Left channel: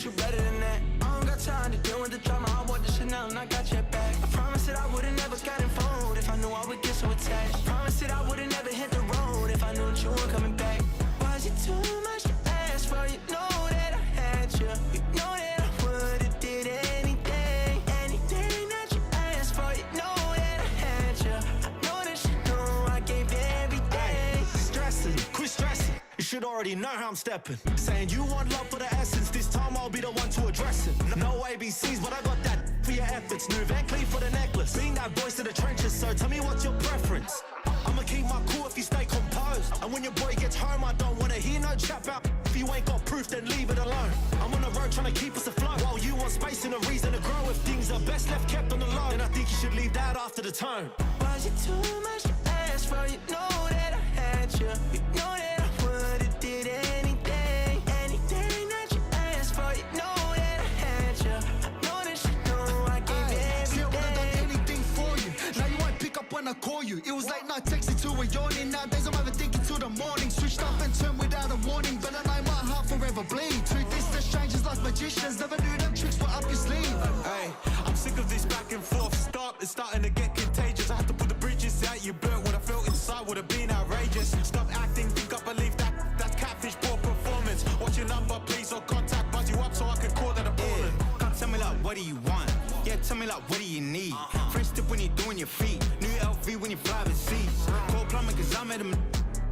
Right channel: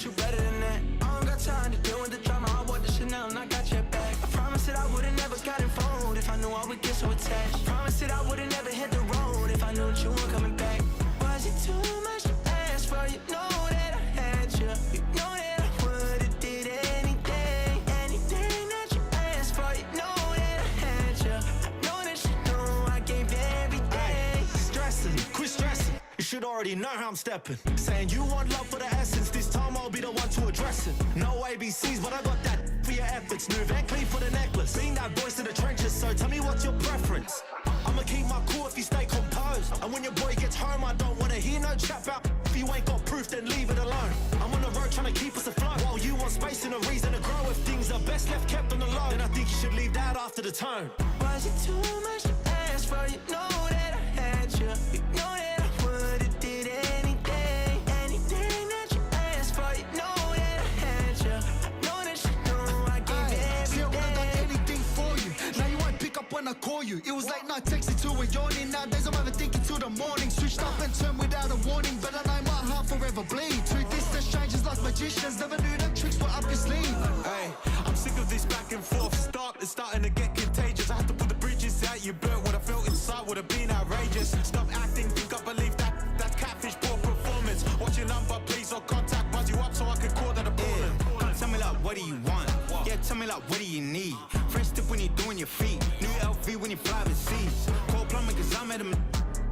but you better than that. I don't got time to deal with the drama. I want the Chanel and I got your back. I promise that I would've never got involved if I knew I would get so attached. I promise that I would've never hit the road if I knew that you weren't coming back. Was it too much to ask for? You know that I had you. You know that I would've did anything, anything that you asked for. You know that I had you. I know that you know I gave everything. Ay, stressing, quit stressing. You should already know how I'm stepping. Saying you want love for the essence. This time I'll be the one to address it. No ABCs, but I got that for your efforts. New Van Cleef for the necklace. Being that voice in the trenches, so tell me what's your preference. I'ma keep my cool if you stay composed. And when your boy gets home, I don't wanna hear no chat about. If you ain't got proof, then leave it alone. I'm on the road trying to keep us afloat, while you want space and a reason to grow. If things are best left kept on the low, then I think you should leave that after the tone. Was it too much to ask for? You know that I had you. You know that I would've did anything, anything that you asked for. You know that I had you. I know that you know I gave everything. See, I would've done anything for you. Now you won't pick up when I call you. It was late night texting till we're yawning. Nowadays I'm overthinking till the morning. Switched up and turned without a warning, but I know my heart forever bleeds. Two distant strangers like magicians. Never knew them tricks were up your sleeve. Hey, I'm sick of this back and forth. It's starting to get contagious. I had to put the bridges out you burnt. What I felt inside would have been outrageous. Stop acting, think I believe that's catfish, poor performance. What's your number, please, or contact, buzz you up so I can call that appalling. Can't tell me like, what do you want? Yeah, tell me like, what do you need? French tip when you're doing your feet. New LV when you fly overseas. Call plumbing cause I'm at a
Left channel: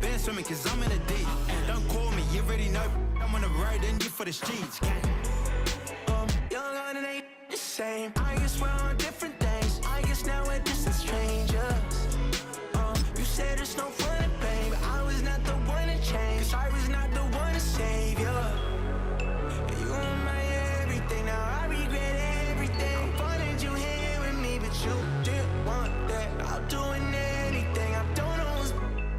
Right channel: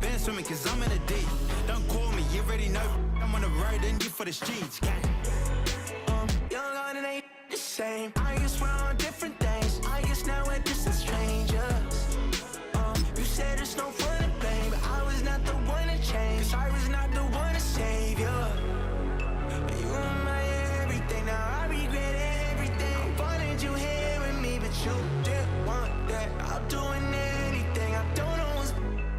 been swimming cause I'm in a deep. Don't call me, you already know. I'm on the road and you for the streets. Young on it ain't the same. I guess we're on different things. I guess now we're distant strangers. You said it's no fun to blame, but I was not the one to change. Cause I was not the one to save you. And you were my everything. Now I regret everything. I wanted you here with me, but you didn't want that. I'll do anything. I don't know what's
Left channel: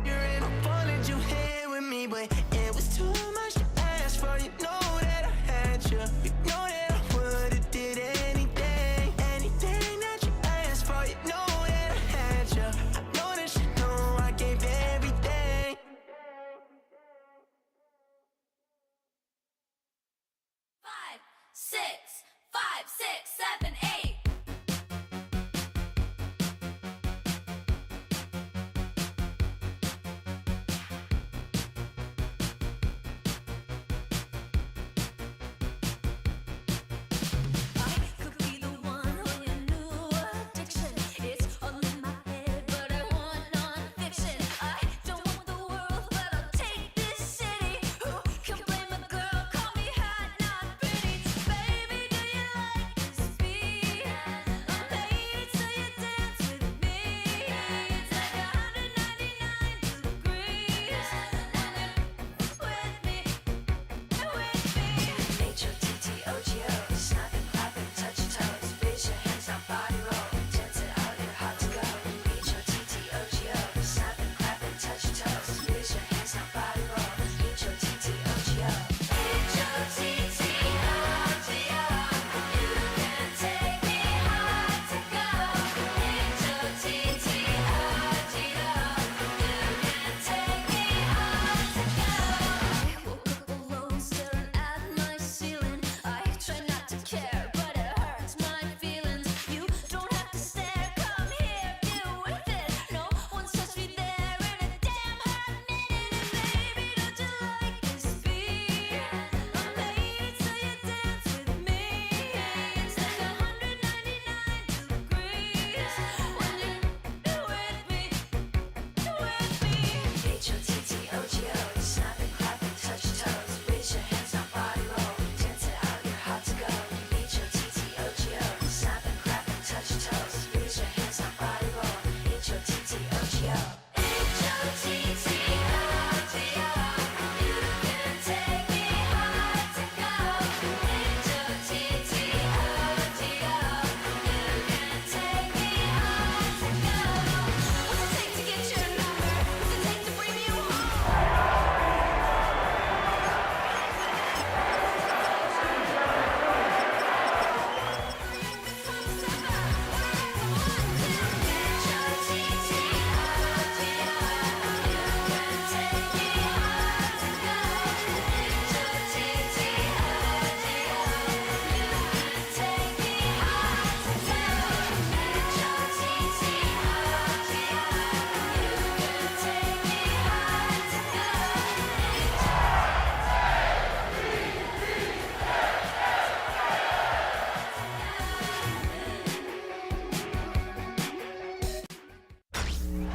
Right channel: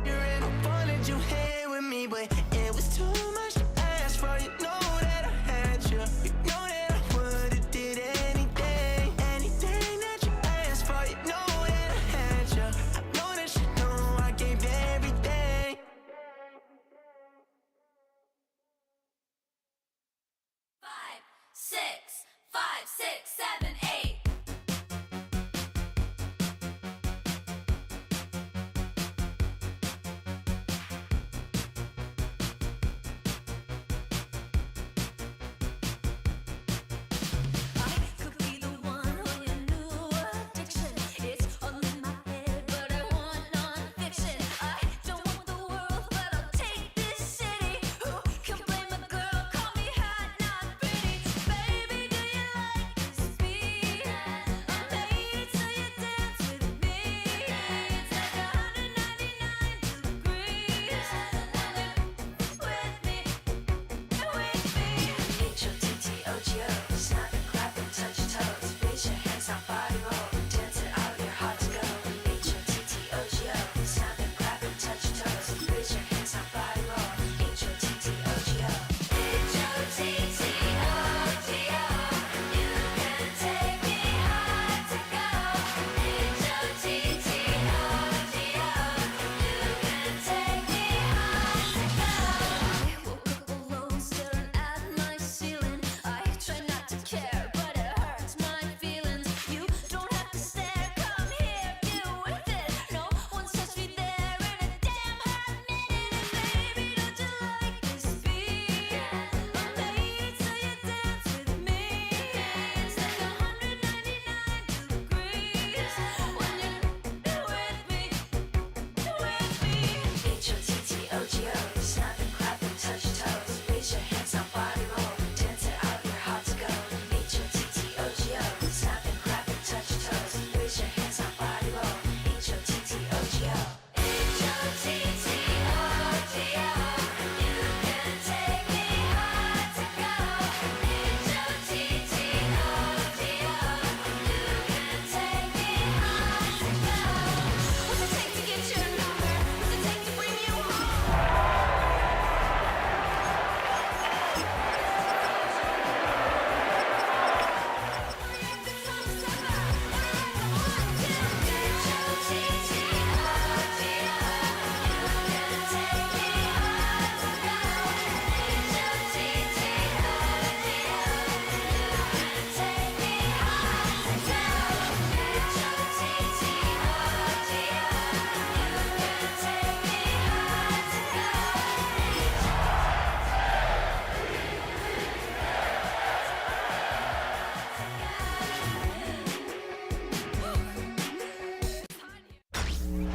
you're in. I wanted you here with me, but it was too much to ask for. You know that I had you. You know that I would've did anything, anything that you asked for. You know that I had you. I know that you know I gave everything.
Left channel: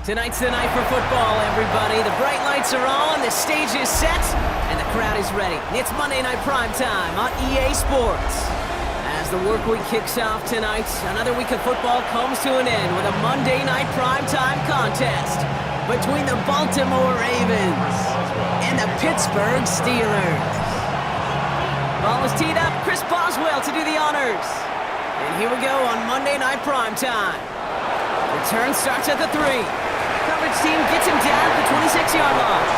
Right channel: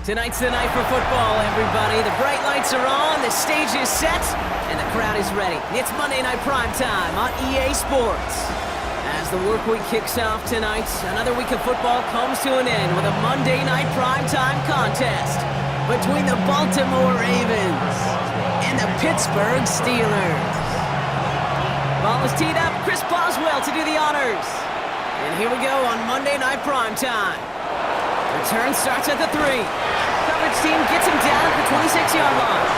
Tonight's the night for football, everybody. The bright lights are on, the stage is set, and the crowd is ready. It's Monday Night Primetime on EA Sports. As the work week kicks off tonight, another week of football comes to an end with a Monday Night Primetime contest between the Baltimore Ravens and the Pittsburgh Steelers. Ball is teed up, Chris Boswell to do the honors. And here we go on Monday Night Primetime. Return starts at the 3. Coverage team gets him down at the 26-yard line.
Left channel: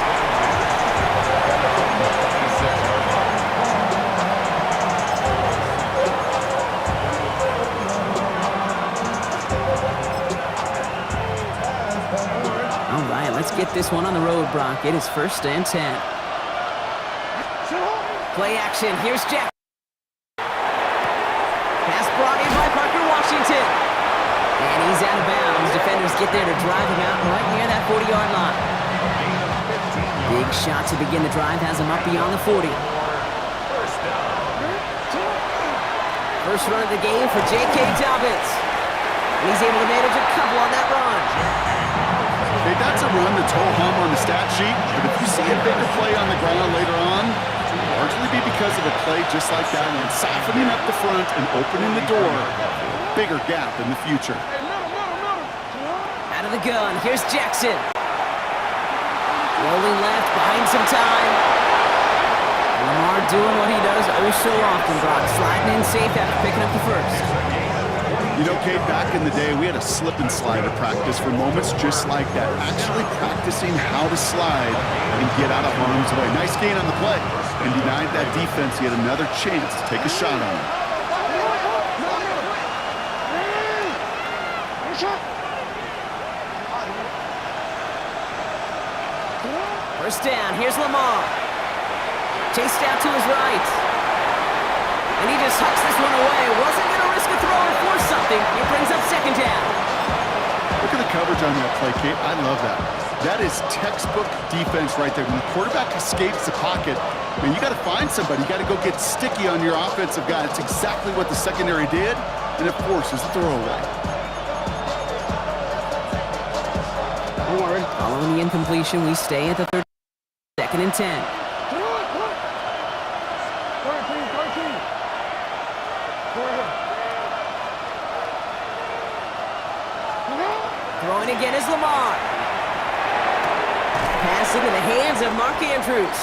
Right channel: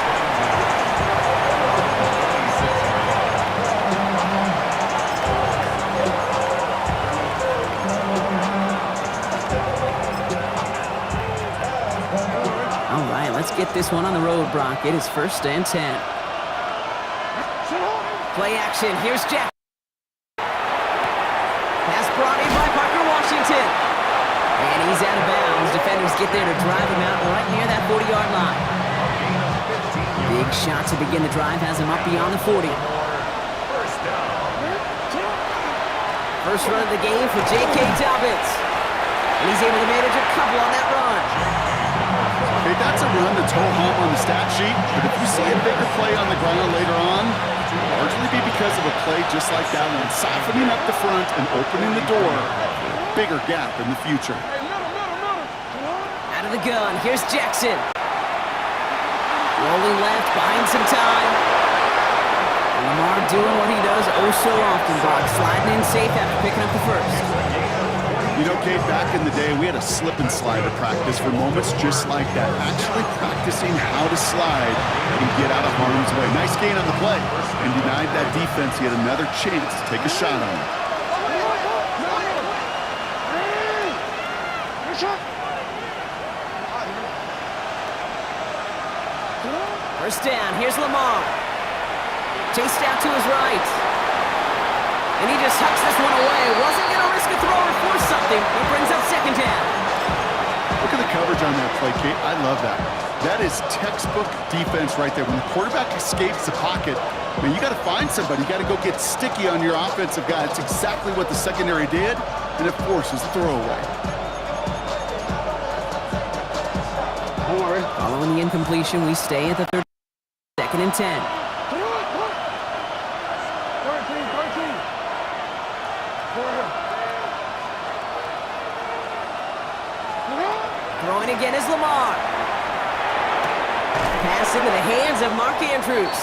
All right, let's get this one on the road, Brock. It is 1st and 10. Play action, here's Jack. Pass brought in by Parker Washington. And he's out of bounds. Defenders get there to drive him out right near that 40-yard line. Big shot to begin the drive has him up beyond the 40. First run of the game for J.K. Dobbins. And he's able to manage a couple on that run. Okay, that's a run that's ho-hum on the stat sheet, but if you see a bigger play on the ground later on, it'll largely be because of a play just like that one, softening up the front and opening the door for a bigger gap in the future. Out of the gun, here's Jackson. Rolling left, buying some time. And Lamar doing what he does oh so often, Brock, sliding in safe after picking up the first. You know, Kate, back in the day, we had a slip and slide at practice for moments just like that. Actually practicing how to slide and get out of harm's way. Nice gain on the play. And denied that defense yet another chance to take a shot on him. First down, here's Lamar. Chased out to his right. And he just hucks this one away. Wasn't going to risk a throw or force something. He brings up 2nd down. Look at the coverage on that play, Kate. I love that. That is textbook defense right there. When the quarterback escapes the pocket, man, you got to find somebody. You got to go get sticky on your offensive guy. That's exactly what the secondary did, and it forces the throwaway. Following the incompletion, we stay at the 30. 2nd and 10. Throwing again is Lamar. Pass into the hands of Mark Andrews.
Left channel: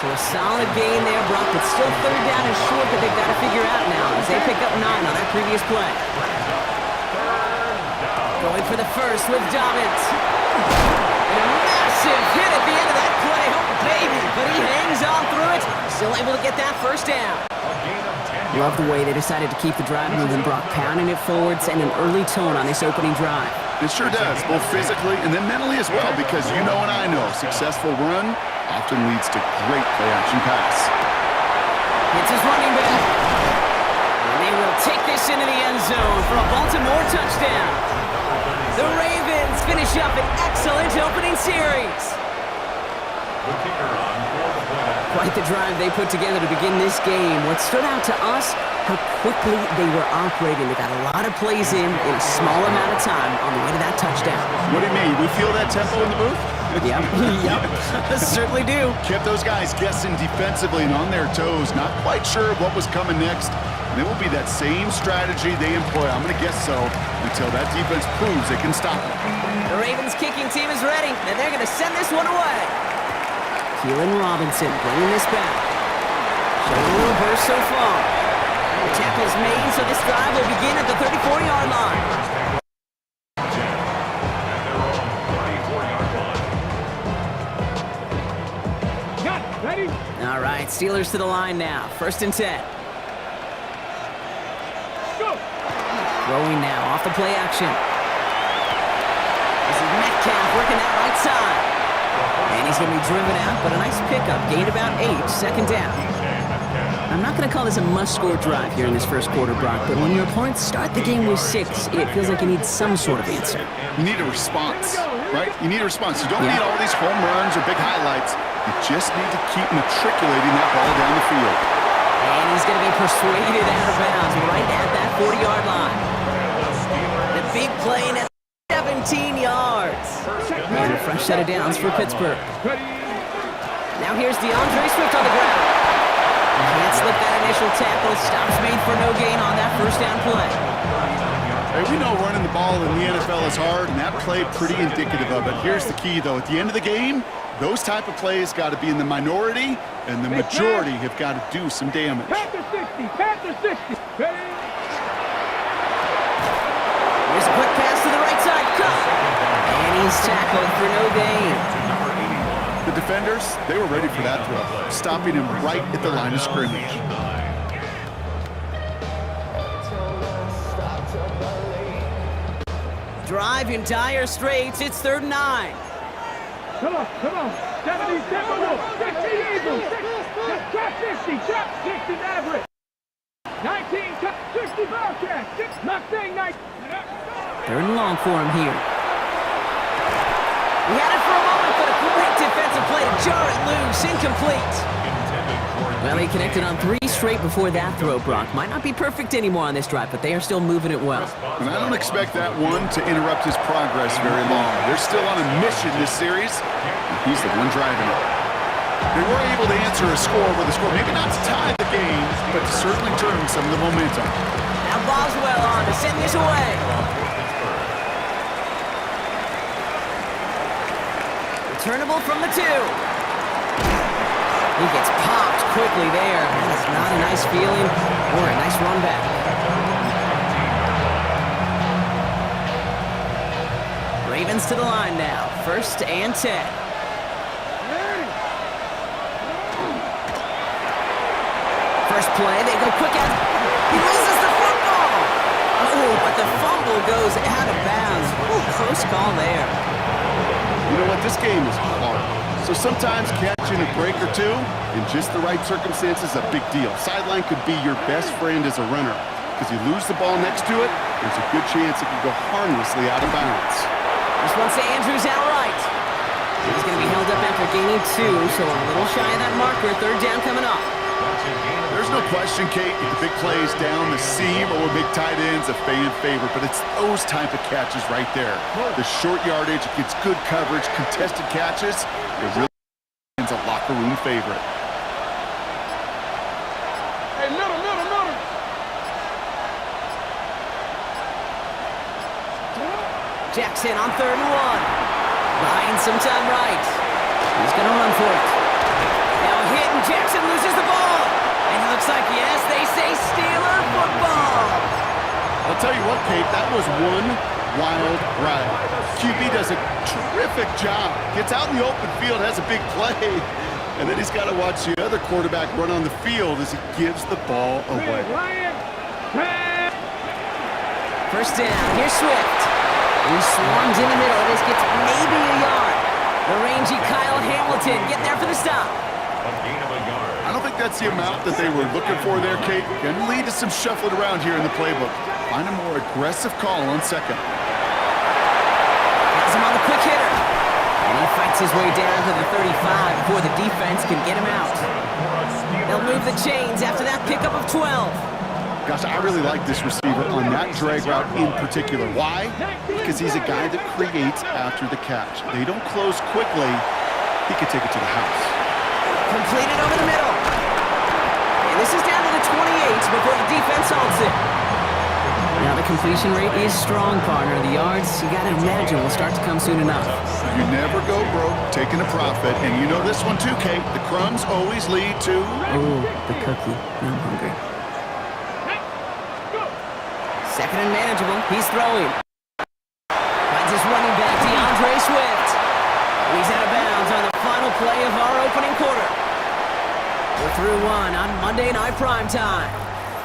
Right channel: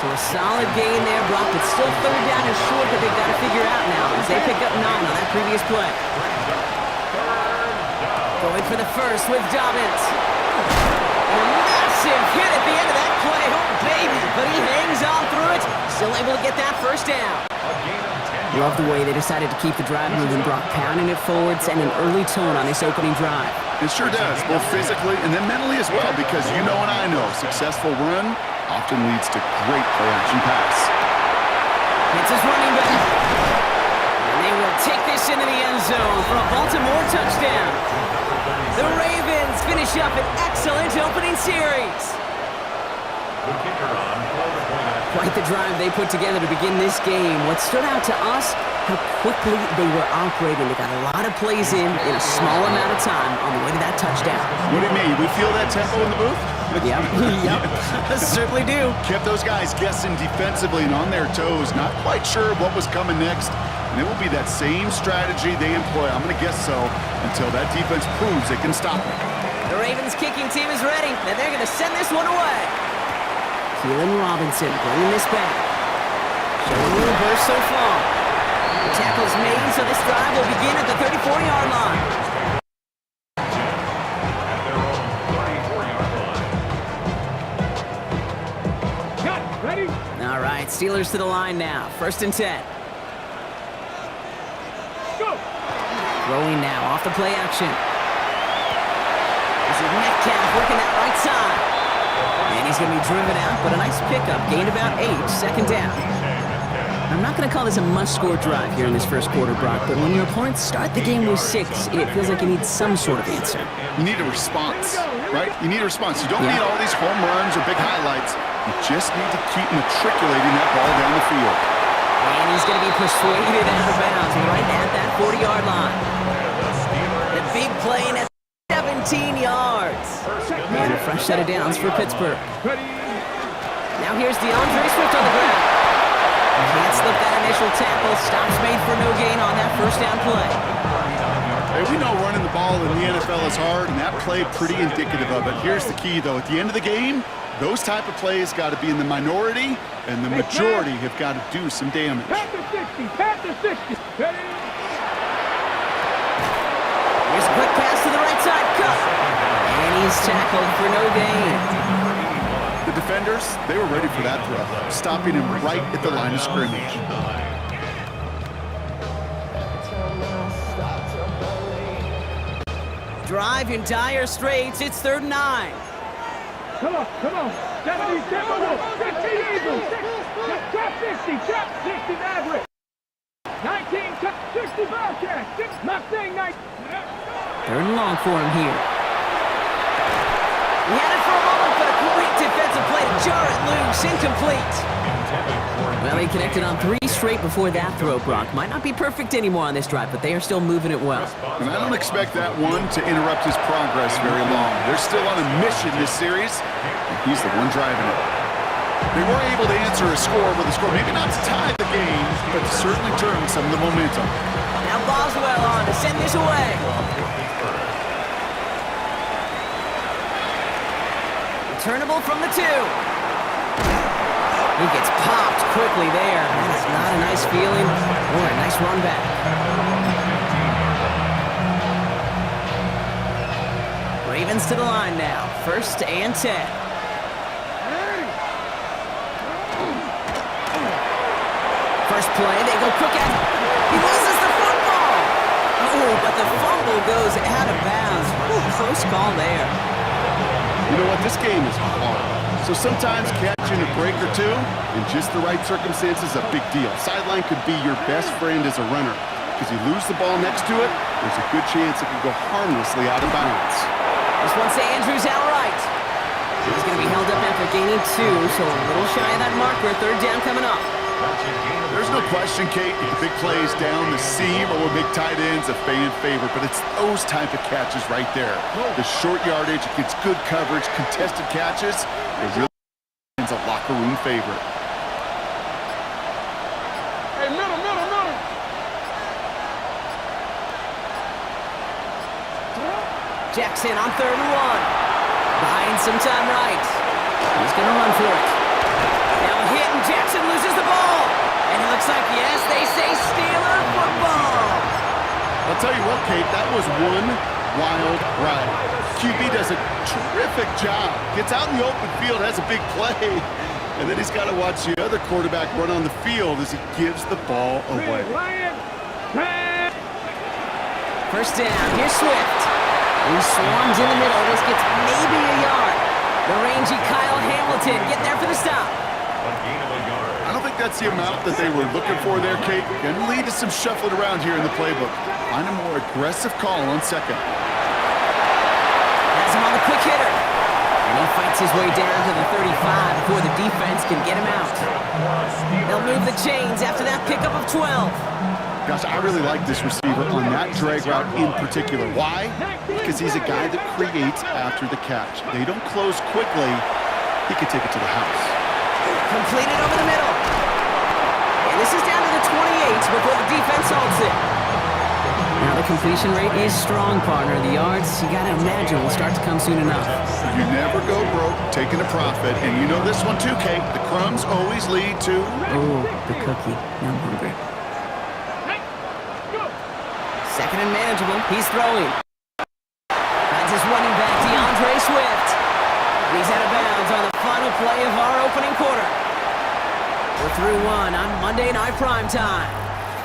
So a solid gain there, Brock, but still 3rd down and short that they've got to figure out now as they pick up 9 on that previous play. Going for the first with Dobbins. And a massive hit at the end of that play. Oh, baby. But he hangs on through it. Still able to get that 1st down. Love the way they decided to keep the drive moving, Brock, pounding it forward, and an early tone on this opening drive. It sure does, both physically and then mentally as well, because you know and I know, successful run often leads to great play-action pass. Hits his running back. And they will take this into the end zone for a Baltimore touchdown. The Ravens finish up an excellent opening series. Quite the drive they put together to begin this game. What stood out to us, how quickly they were operating. They got a lot of plays in a small amount of time on the way to that touchdown. What do you mean? We feel that tempo in the booth? Yep. Certainly do. Kept those guys guessing defensively and on their toes, not quite sure what was coming next. And it will be that same strategy they employ, I'm going to guess so, until that defense proves they can stop it. The Ravens kicking team is ready, and they're going to send this one away. Keelan Robinson bringing this back. Showing a little burst so far. The tackle's made, so this drive will begin at the 34-yard line. At their own 34-yard line. Got it. Ready? All right, Steelers to the line now. 1st and 10. Go. Throwing now off the play action. This is Metcalf working that right side. And he's going to be driven out, but a nice pickup. Gained about 8, 2nd down. I'm not going to call this a must-score drive here in this first quarter, Brock, but when your opponents start the game with 6, it feels like you need some sort of answer. You need a response, right? You need a response. You don't need all these home runs or big highlights. You just need to keep matriculating that ball down the field. And he's going to be persuaded out of bounds right at that 40-yard line. The big play in at 17 19 yards. And a fresh set of downs for Pittsburgh. Now here's DeAndre Swift on the ground. Can't slip that initial tackle. Stops made for no gain on that first down play. Hey, we know running the ball in the NFL is hard, and that play pretty indicative of it. Here's the key, though. At the end of the game, those type of plays got to be in the minority, and the majority have got to do some damage. Panther 60, Panther 60. Here's a quick pass to the right side. Cut. And he's tackled for no gain. The defenders, they were ready for that throw, stopping him right at the line of scrimmage. Drive in dire straits. It's 3rd and 9. Come on. 70 Timberwolves, 60 Eagles, trap 60, trap 60 Maverick. 19, 60 Bearcats, Mustang 9. 3rd and long for him here. He had it for a moment, but a great defensive play to jar it loose. Incomplete. Well, he connected on 3 straight before that throw, Brock. Might not be perfect anymore on this drive, but they are still moving it well. And I don't expect that one to interrupt his progress very long. They're still on a mission this series, and he's the one driving it. They were able to answer a score with a score, maybe not to tie the game, but to certainly turn some of the momentum. Now Boswell on to send this away. Returnable from the 2. He gets popped quickly there. That is not a nice feeling or a nice run back. Ravens to the line now. 1st and 10. First play, they go quick at. He loses the football. Oh, but the fumble goes out of bounds. Ooh, close call there. You know what? This game is hard. So sometimes catching a break or two in just the right circumstances is a big deal. Sideline could be your best friend as a runner. Because you lose the ball next to it, there's a good chance it could go harmlessly out of bounds. This one's to Andrews outright. He's going to be held up after gaining 2, so a little shy of that marker. 3rd down coming up. There's no question, Kate, that the big plays down the seam or big tight ends a fan favorite, but it's those type of catches right there. The short yardage, it gets good coverage, contested catches. It really is a locker room favorite. Hey, middle. Jackson on 3rd and 1. Buying some time right. He's going to run for it. Now a hit, and Jackson loses the ball. And it looks like, yes, they say Steeler football. I'll tell you what, Kate, that was one wild ride. QB does a terrific job. Gets out in the open field, has a big play. And then he's got to watch the other quarterback run on the field as he gives the ball away. First down, here's Swift. He swarms in the middle. This gets maybe a yard. The rangy Kyle Hamilton getting there for the stop. I don't think that's the amount that they were looking for there, Kate. Going to lead to some shuffling around here in the playbook. Find a more aggressive call on 2nd. Has him on the quick hitter. And he fights his way down to the 35 before the defense can get him out. They'll move the chains after that pickup of 12. Gosh, I really like this receiver on that drag route in particular. Why? Because he's a guy that creates after the catch. They don't close quickly. He could take it to the house. Completed over the middle. And this is down to the 28 before the defense halts it. Now the completion rate is strong, partner. The yards, you got to imagine, will start to come soon enough. You never go broke taking a profit. And you know this one too, Kate. The crumbs always lead to... Oh, the cookie. Now I'm hungry. 2nd and manageable. He's throwing. Finds his running back, DeAndre Swift. And he's out of bounds on the final play of our opening quarter. We're through 1 on Monday Night Primetime.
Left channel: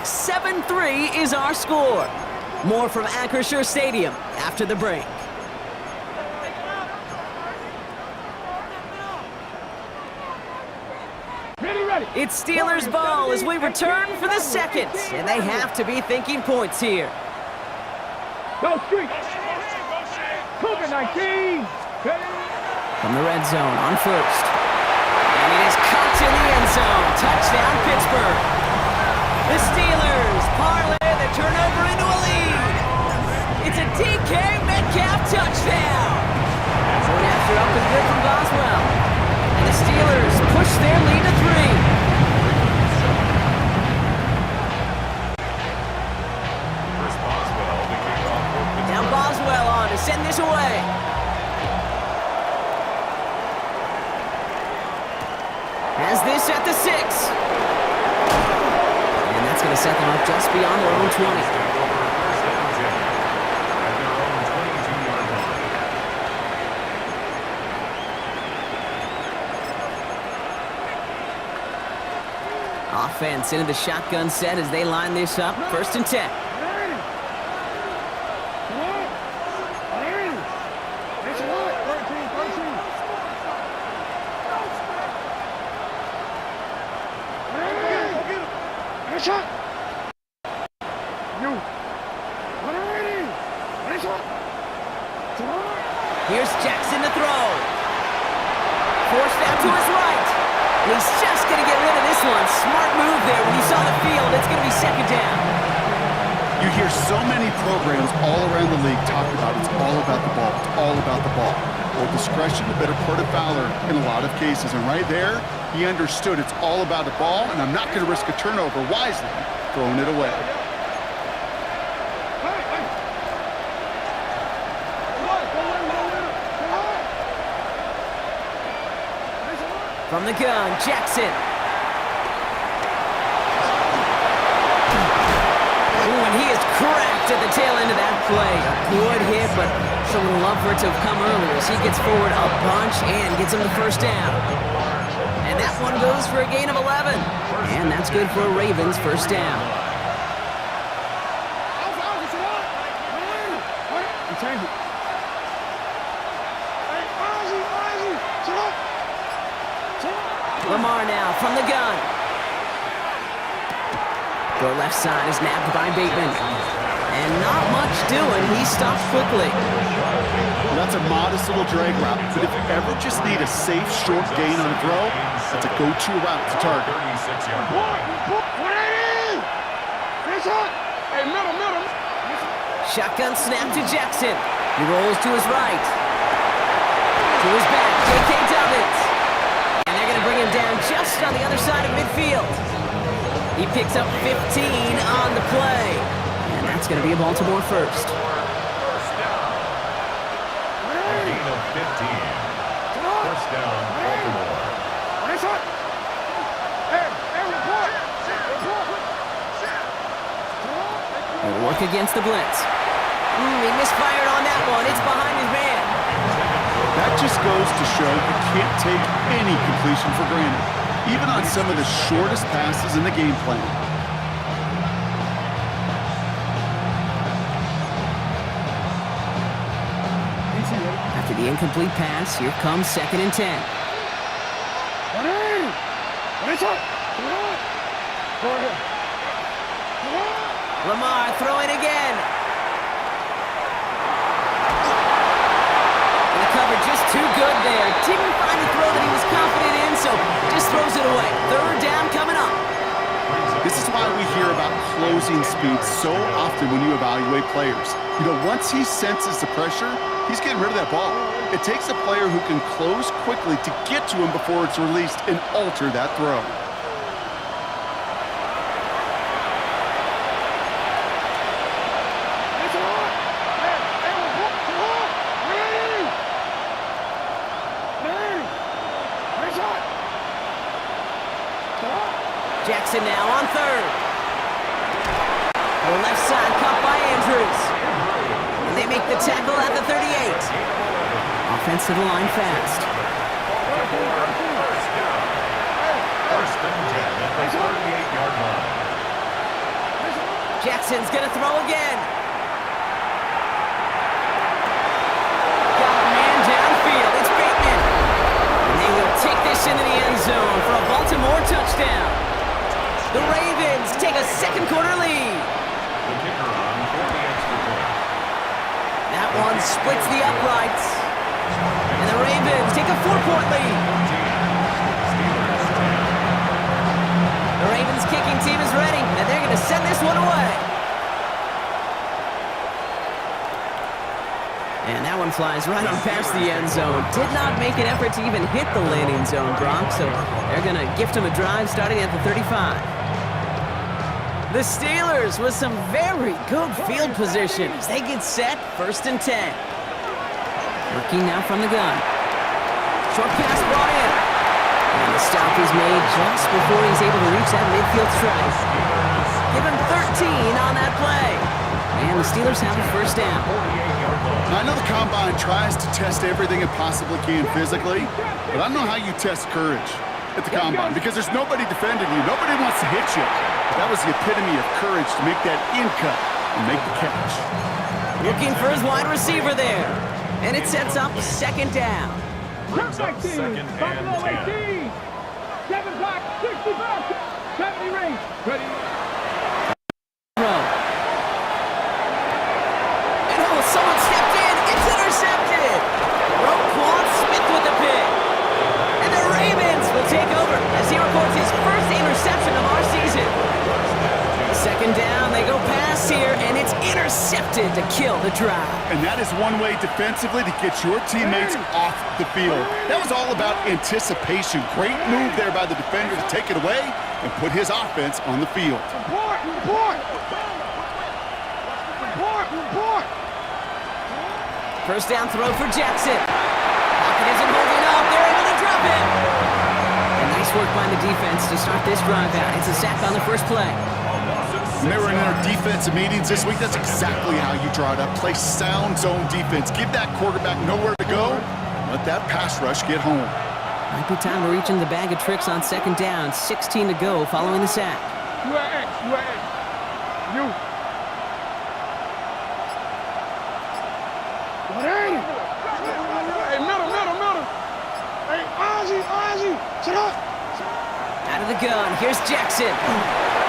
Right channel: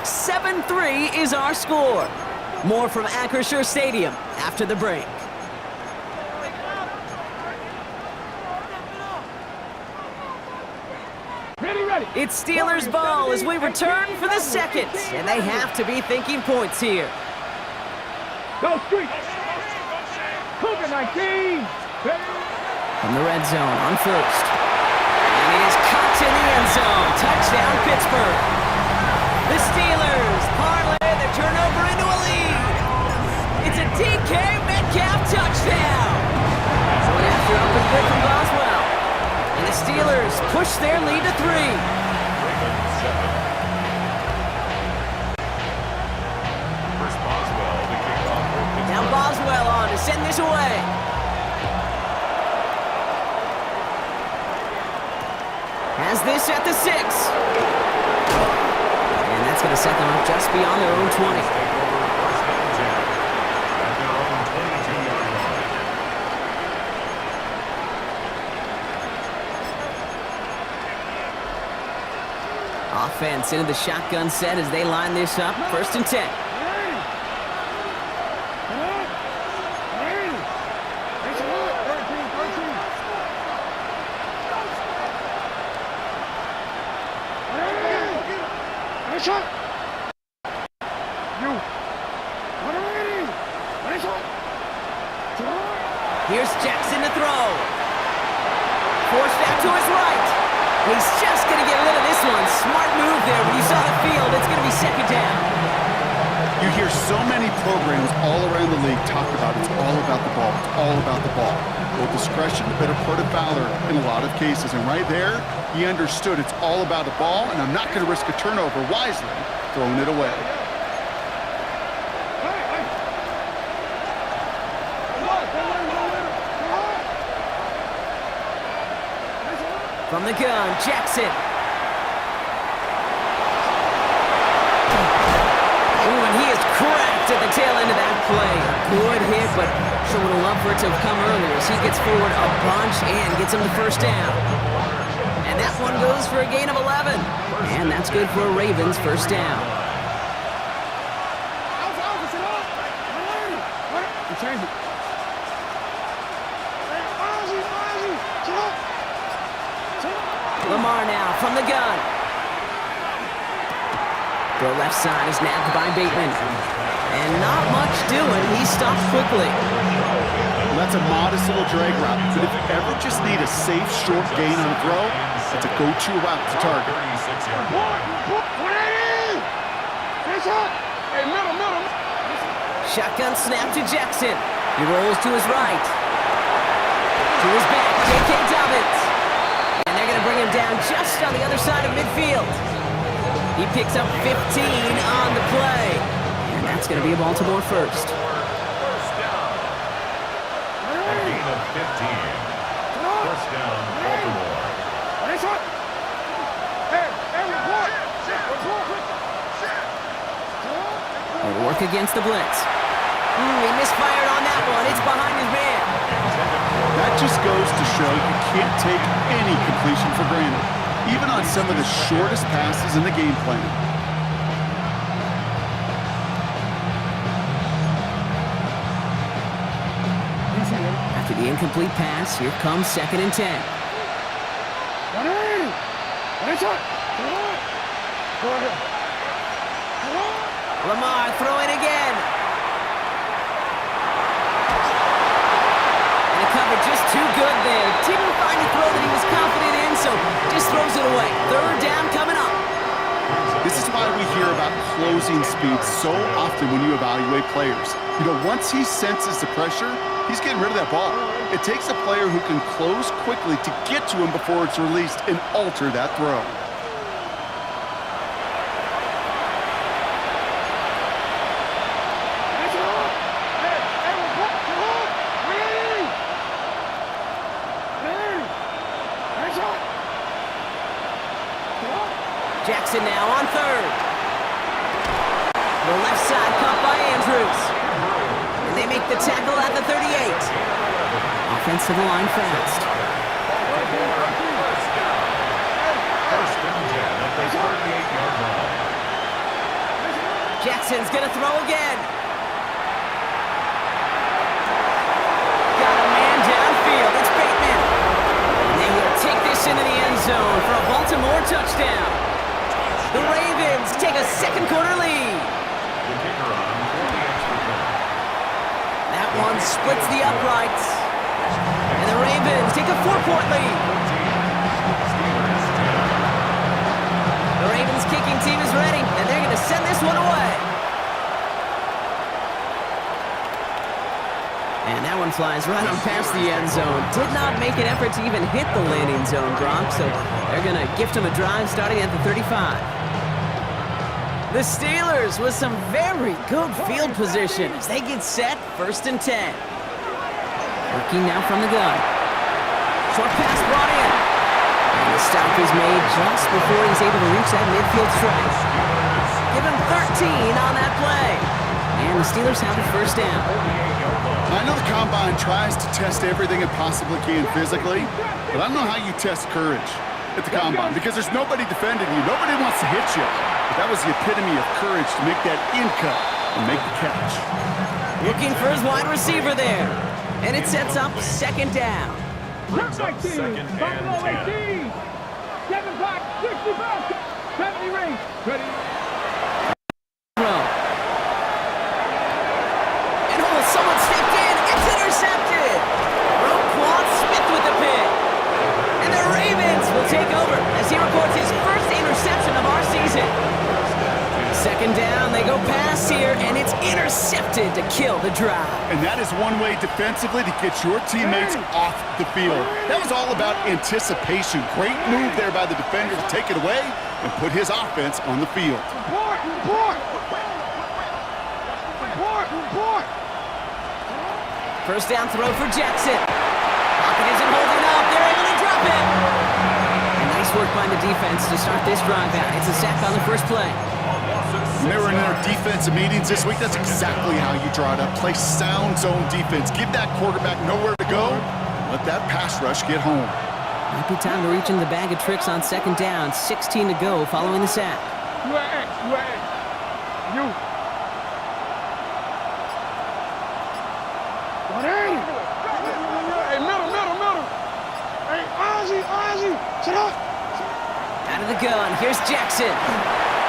7-3 is our score. More from Acrisure Stadium after the break. Ready. It's Steelers ball as we return for the 2nd. And they have to be thinking points here. Go Street. Cougar 19. From the red zone on 1st. And it is caught in the end zone. Touchdown, Pittsburgh. The Steelers parlay the turnover into a lead. It's a DK Metcalf touchdown! Going after up and good from Boswell. And the Steelers push their lead to 3. Now Boswell on to send this away. Has this at the 6. And that's going to set them up just beyond their own 20. Offense into the shotgun set as they line this up. 1st and 10. Shot. You. Here's Jackson to throw. Forced out to his right. And he's just going to get rid of this one. Smart move there. When you saw the field, it's going to be 2nd down. You hear so many programs all around the league talk about it's all about the ball. It's all about the ball. Well, discretion, the better part of valor in a lot of cases. And right there, he understood it's all about the ball, and I'm not going to risk a turnover wisely, throwing it away. From the gun, Jackson. Ooh, and he is cracked at the tail end of that play. A good hit, but sure would have loved for it to have come earlier as he gets forward a bunch and gets him the 1st down. And that one goes for a gain of 11. And that's good for a Ravens 1st down. Change it. Lamar now from the gun. The left side is nabbed by Bateman. And not much doing. He stops quickly. Well, that's a modest little drag route, but if you ever just need a safe, short gain on a throw, that's a go-to route to target. Hey, middle. Shotgun snap to Jackson. He rolls to his right. To his back, J.K. Dobbins. And they're going to bring him down just on the other side of midfield. He picks up 15 on the play. And that's going to be a Baltimore 1st. First down. A gain of 15. First down, Baltimore. He'll work against the blitz. He misfired on that one. It's behind his man. That just goes to show you can't take any completion for granted, even on some of the shortest passes in the game plan. After the incomplete pass, here comes 2nd and 10. Lamar throwing again. And the cover just too good there. Didn't find a throw that he was confident in, so just throws it away. 3rd down coming up. This is why we hear about closing speed so often when you evaluate players. You know, once he senses the pressure, he's getting rid of that ball. It takes a player who can close quickly to get to him before it's released and alter that throw. Jackson now on 3rd. The left side caught by Andrews. And they make the tackle at the 38. Offense to the line fast. First down. First and 10 at the 38-yard line. Jackson's gonna throw again. Got a man downfield. It's Bateman. And they will take this into the end zone for a Baltimore touchdown. The Ravens take a second quarter lead. The kicker on for the extra point. That one splits the uprights. And the Ravens take a 4-point lead. Steelers 10. The Ravens kicking team is ready, and they're going to send this one away. And that one flies right on past the end zone. Did not make an effort to even hit the landing zone, Brock, so they're going to gift him a drive starting at the 35. The Steelers with some very good field position as they get set, 1st and 10. Working now from the gun. Short pass brought in. And the stop is made just before he's able to reach that midfield strike. Give him 13 on that play. And the Steelers have a 1st down. I know the Combine tries to test everything it possibly can physically, but I don't know how you test courage at the Combine because there's nobody defending you. Nobody wants to hit you. But that was the epitome of courage to make that in cut and make the catch. Looking for his wide receiver there. And it sets up 2nd down. Brings up 2nd and 10. 7 block, 65, 70 range. Ready. And oh, someone stepped in. It's intercepted. Roquan Smith with the pick. And the Ravens will take over as he records his 1st interception of our season. 2nd down, they go pass here, and it's intercepted to kill the drive. And that is one way defensively to get your teammates off the field. That was all about anticipation. Great move there by the defender to take it away and put his offense on the field. First down throw for Jackson. Pocket isn't holding up. They're able to drop it. And nice work by the defense to start this drive out. It's a sack on the first play. When they were in our defensive meetings this week, that's exactly how you draw it up. Play sound zone defense. Give that quarterback nowhere to go. Let that pass rush get home. Might be time to reach in the bag of tricks on 2nd down. 16 to go following the sack. You are X. You. What ain't it? Hey, middle. Hey, Ozzy. Shut up. Out of the gun. Here's Jackson.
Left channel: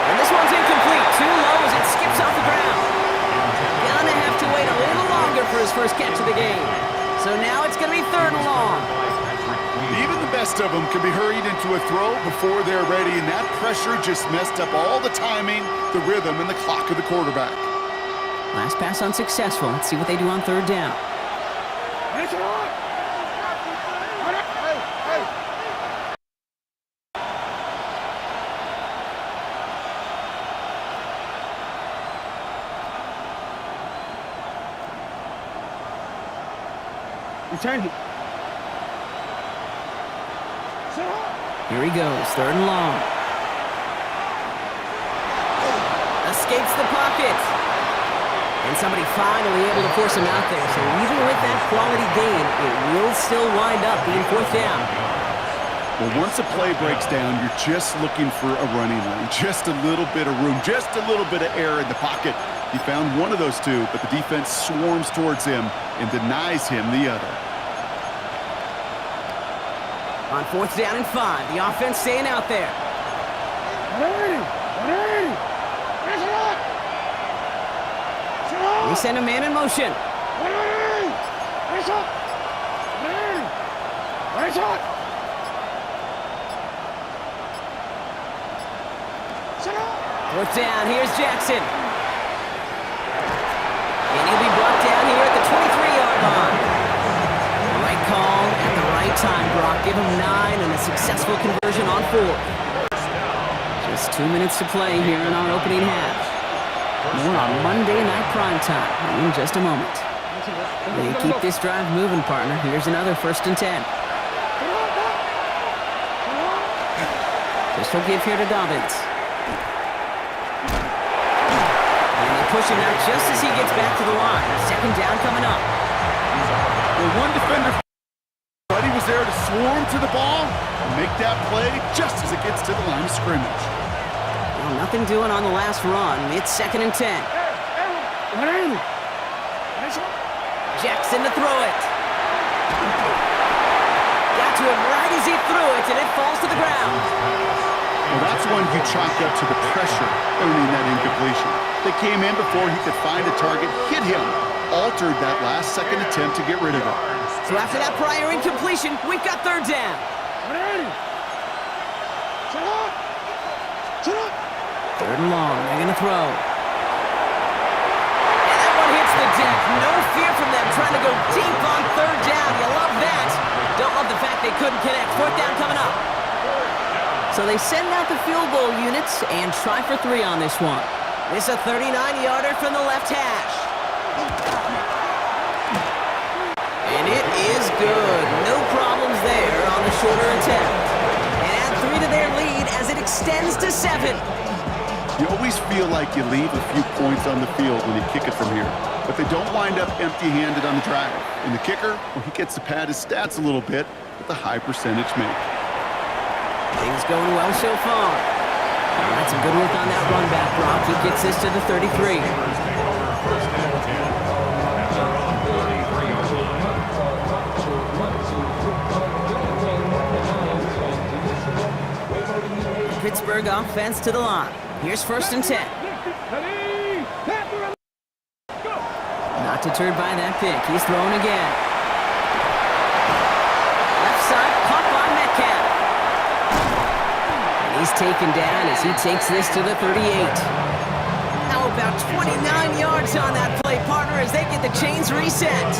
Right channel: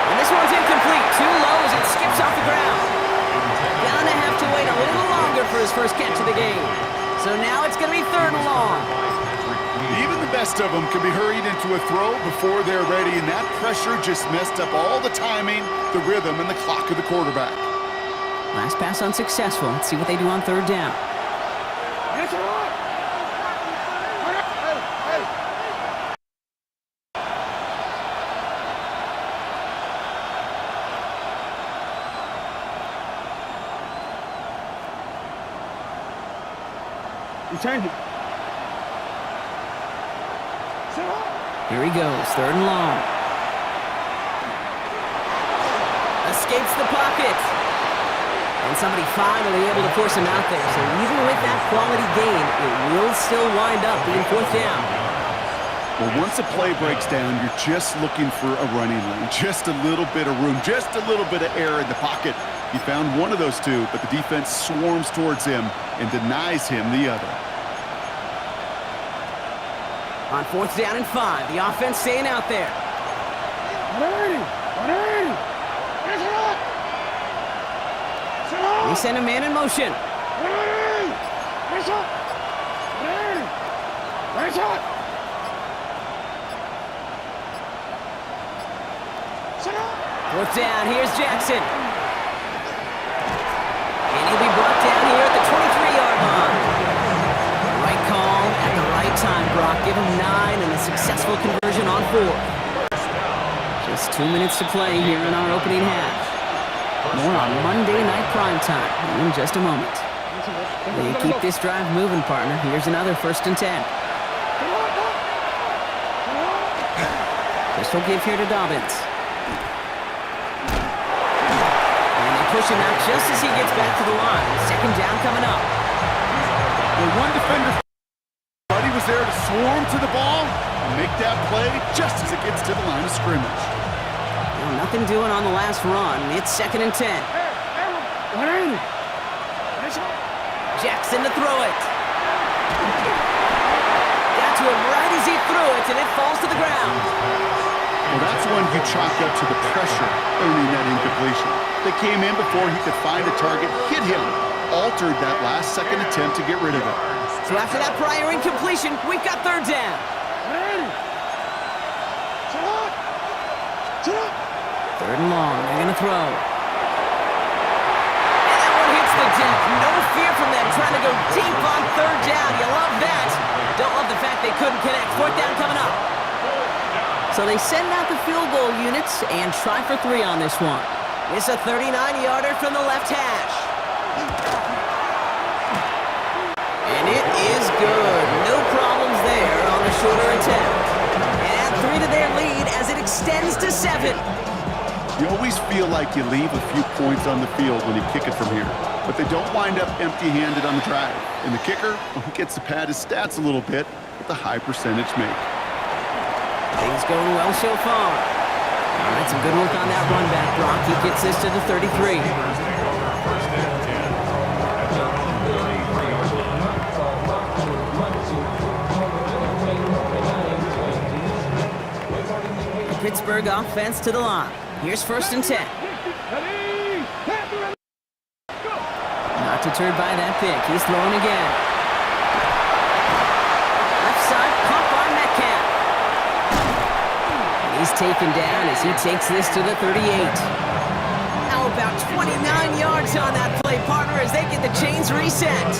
And this one's incomplete. Too low as it skips off the ground. Gonna have to wait a little longer for his first catch of the game. So now it's going to be 3rd and long. Even the best of them can be hurried into a throw before they're ready, and that pressure just messed up all the timing, the rhythm, and the clock of the quarterback. Last pass unsuccessful. Let's see what they do on 3rd down. Return it. Here he goes, 3rd and long. Escapes the pocket. And somebody finally able to force him out there. So even with that quality gain, it will still wind up being 4th down. Well, once a play breaks down, you're just looking for a running lane. Just a little bit of room, just a little bit of air in the pocket. He found one of those two, but the defense swarms towards him and denies him the other. On 4th down and 5, the offense staying out there. 180. They send a man in motion. 180. 4th down, here's Jackson. And he'll be brought down here at the 23-yard line. Right call at the right time, Brock. Give him 9 and a successful conversion on 4. Just 2 minutes to play here in our opening half. More on Monday Night Primetime in just a moment. They keep this drive moving, partner. Here's another 1st and 10. Pistol give here to Dobbins. And they push him out just as he gets back to the line. 2nd down coming up. Well, one defender, Buddy was there to swarm to the ball and make that play just as it gets to the line of scrimmage. Well, nothing doing on the last run. It's 2nd and 10. Jackson to throw it. Got to him right as he threw it, and it falls to the ground. Well, that's when you chalk up to the pressure earning that incompletion. They came in before he could find a target, hit him, altered that last second attempt to get rid of it. So after that prior incompletion, we've got 3rd down. 3rd and long. They're going to throw. And that one hits the deck. No fear from them trying to go deep on third down. You love that. Don't love the fact they couldn't connect. Fourth down coming up. So they send out the field goal units and try for 3 on this one. It's a 39-yarder from the left hash. And it is good. No problems there on the shorter attempt. And add 3 to their lead as it extends to 7. You always feel like you leave a few points on the field when you kick it from here. But they don't wind up empty-handed on the drive. And the kicker, well, he gets to pad his stats a little bit with a high percentage make. Things going well so far. All right, some good work on that run back, Brock. He gets this to the 33. Receivers take over first and 10 at their own 33-yard line. Pittsburgh offense to the line. Here's first and 10. Not deterred by that pick. He's throwing again. Left side, caught by Metcalf. And he's taken down as he takes this to the 38. Now about 29 yards on that play, partner, as they get the chains reset.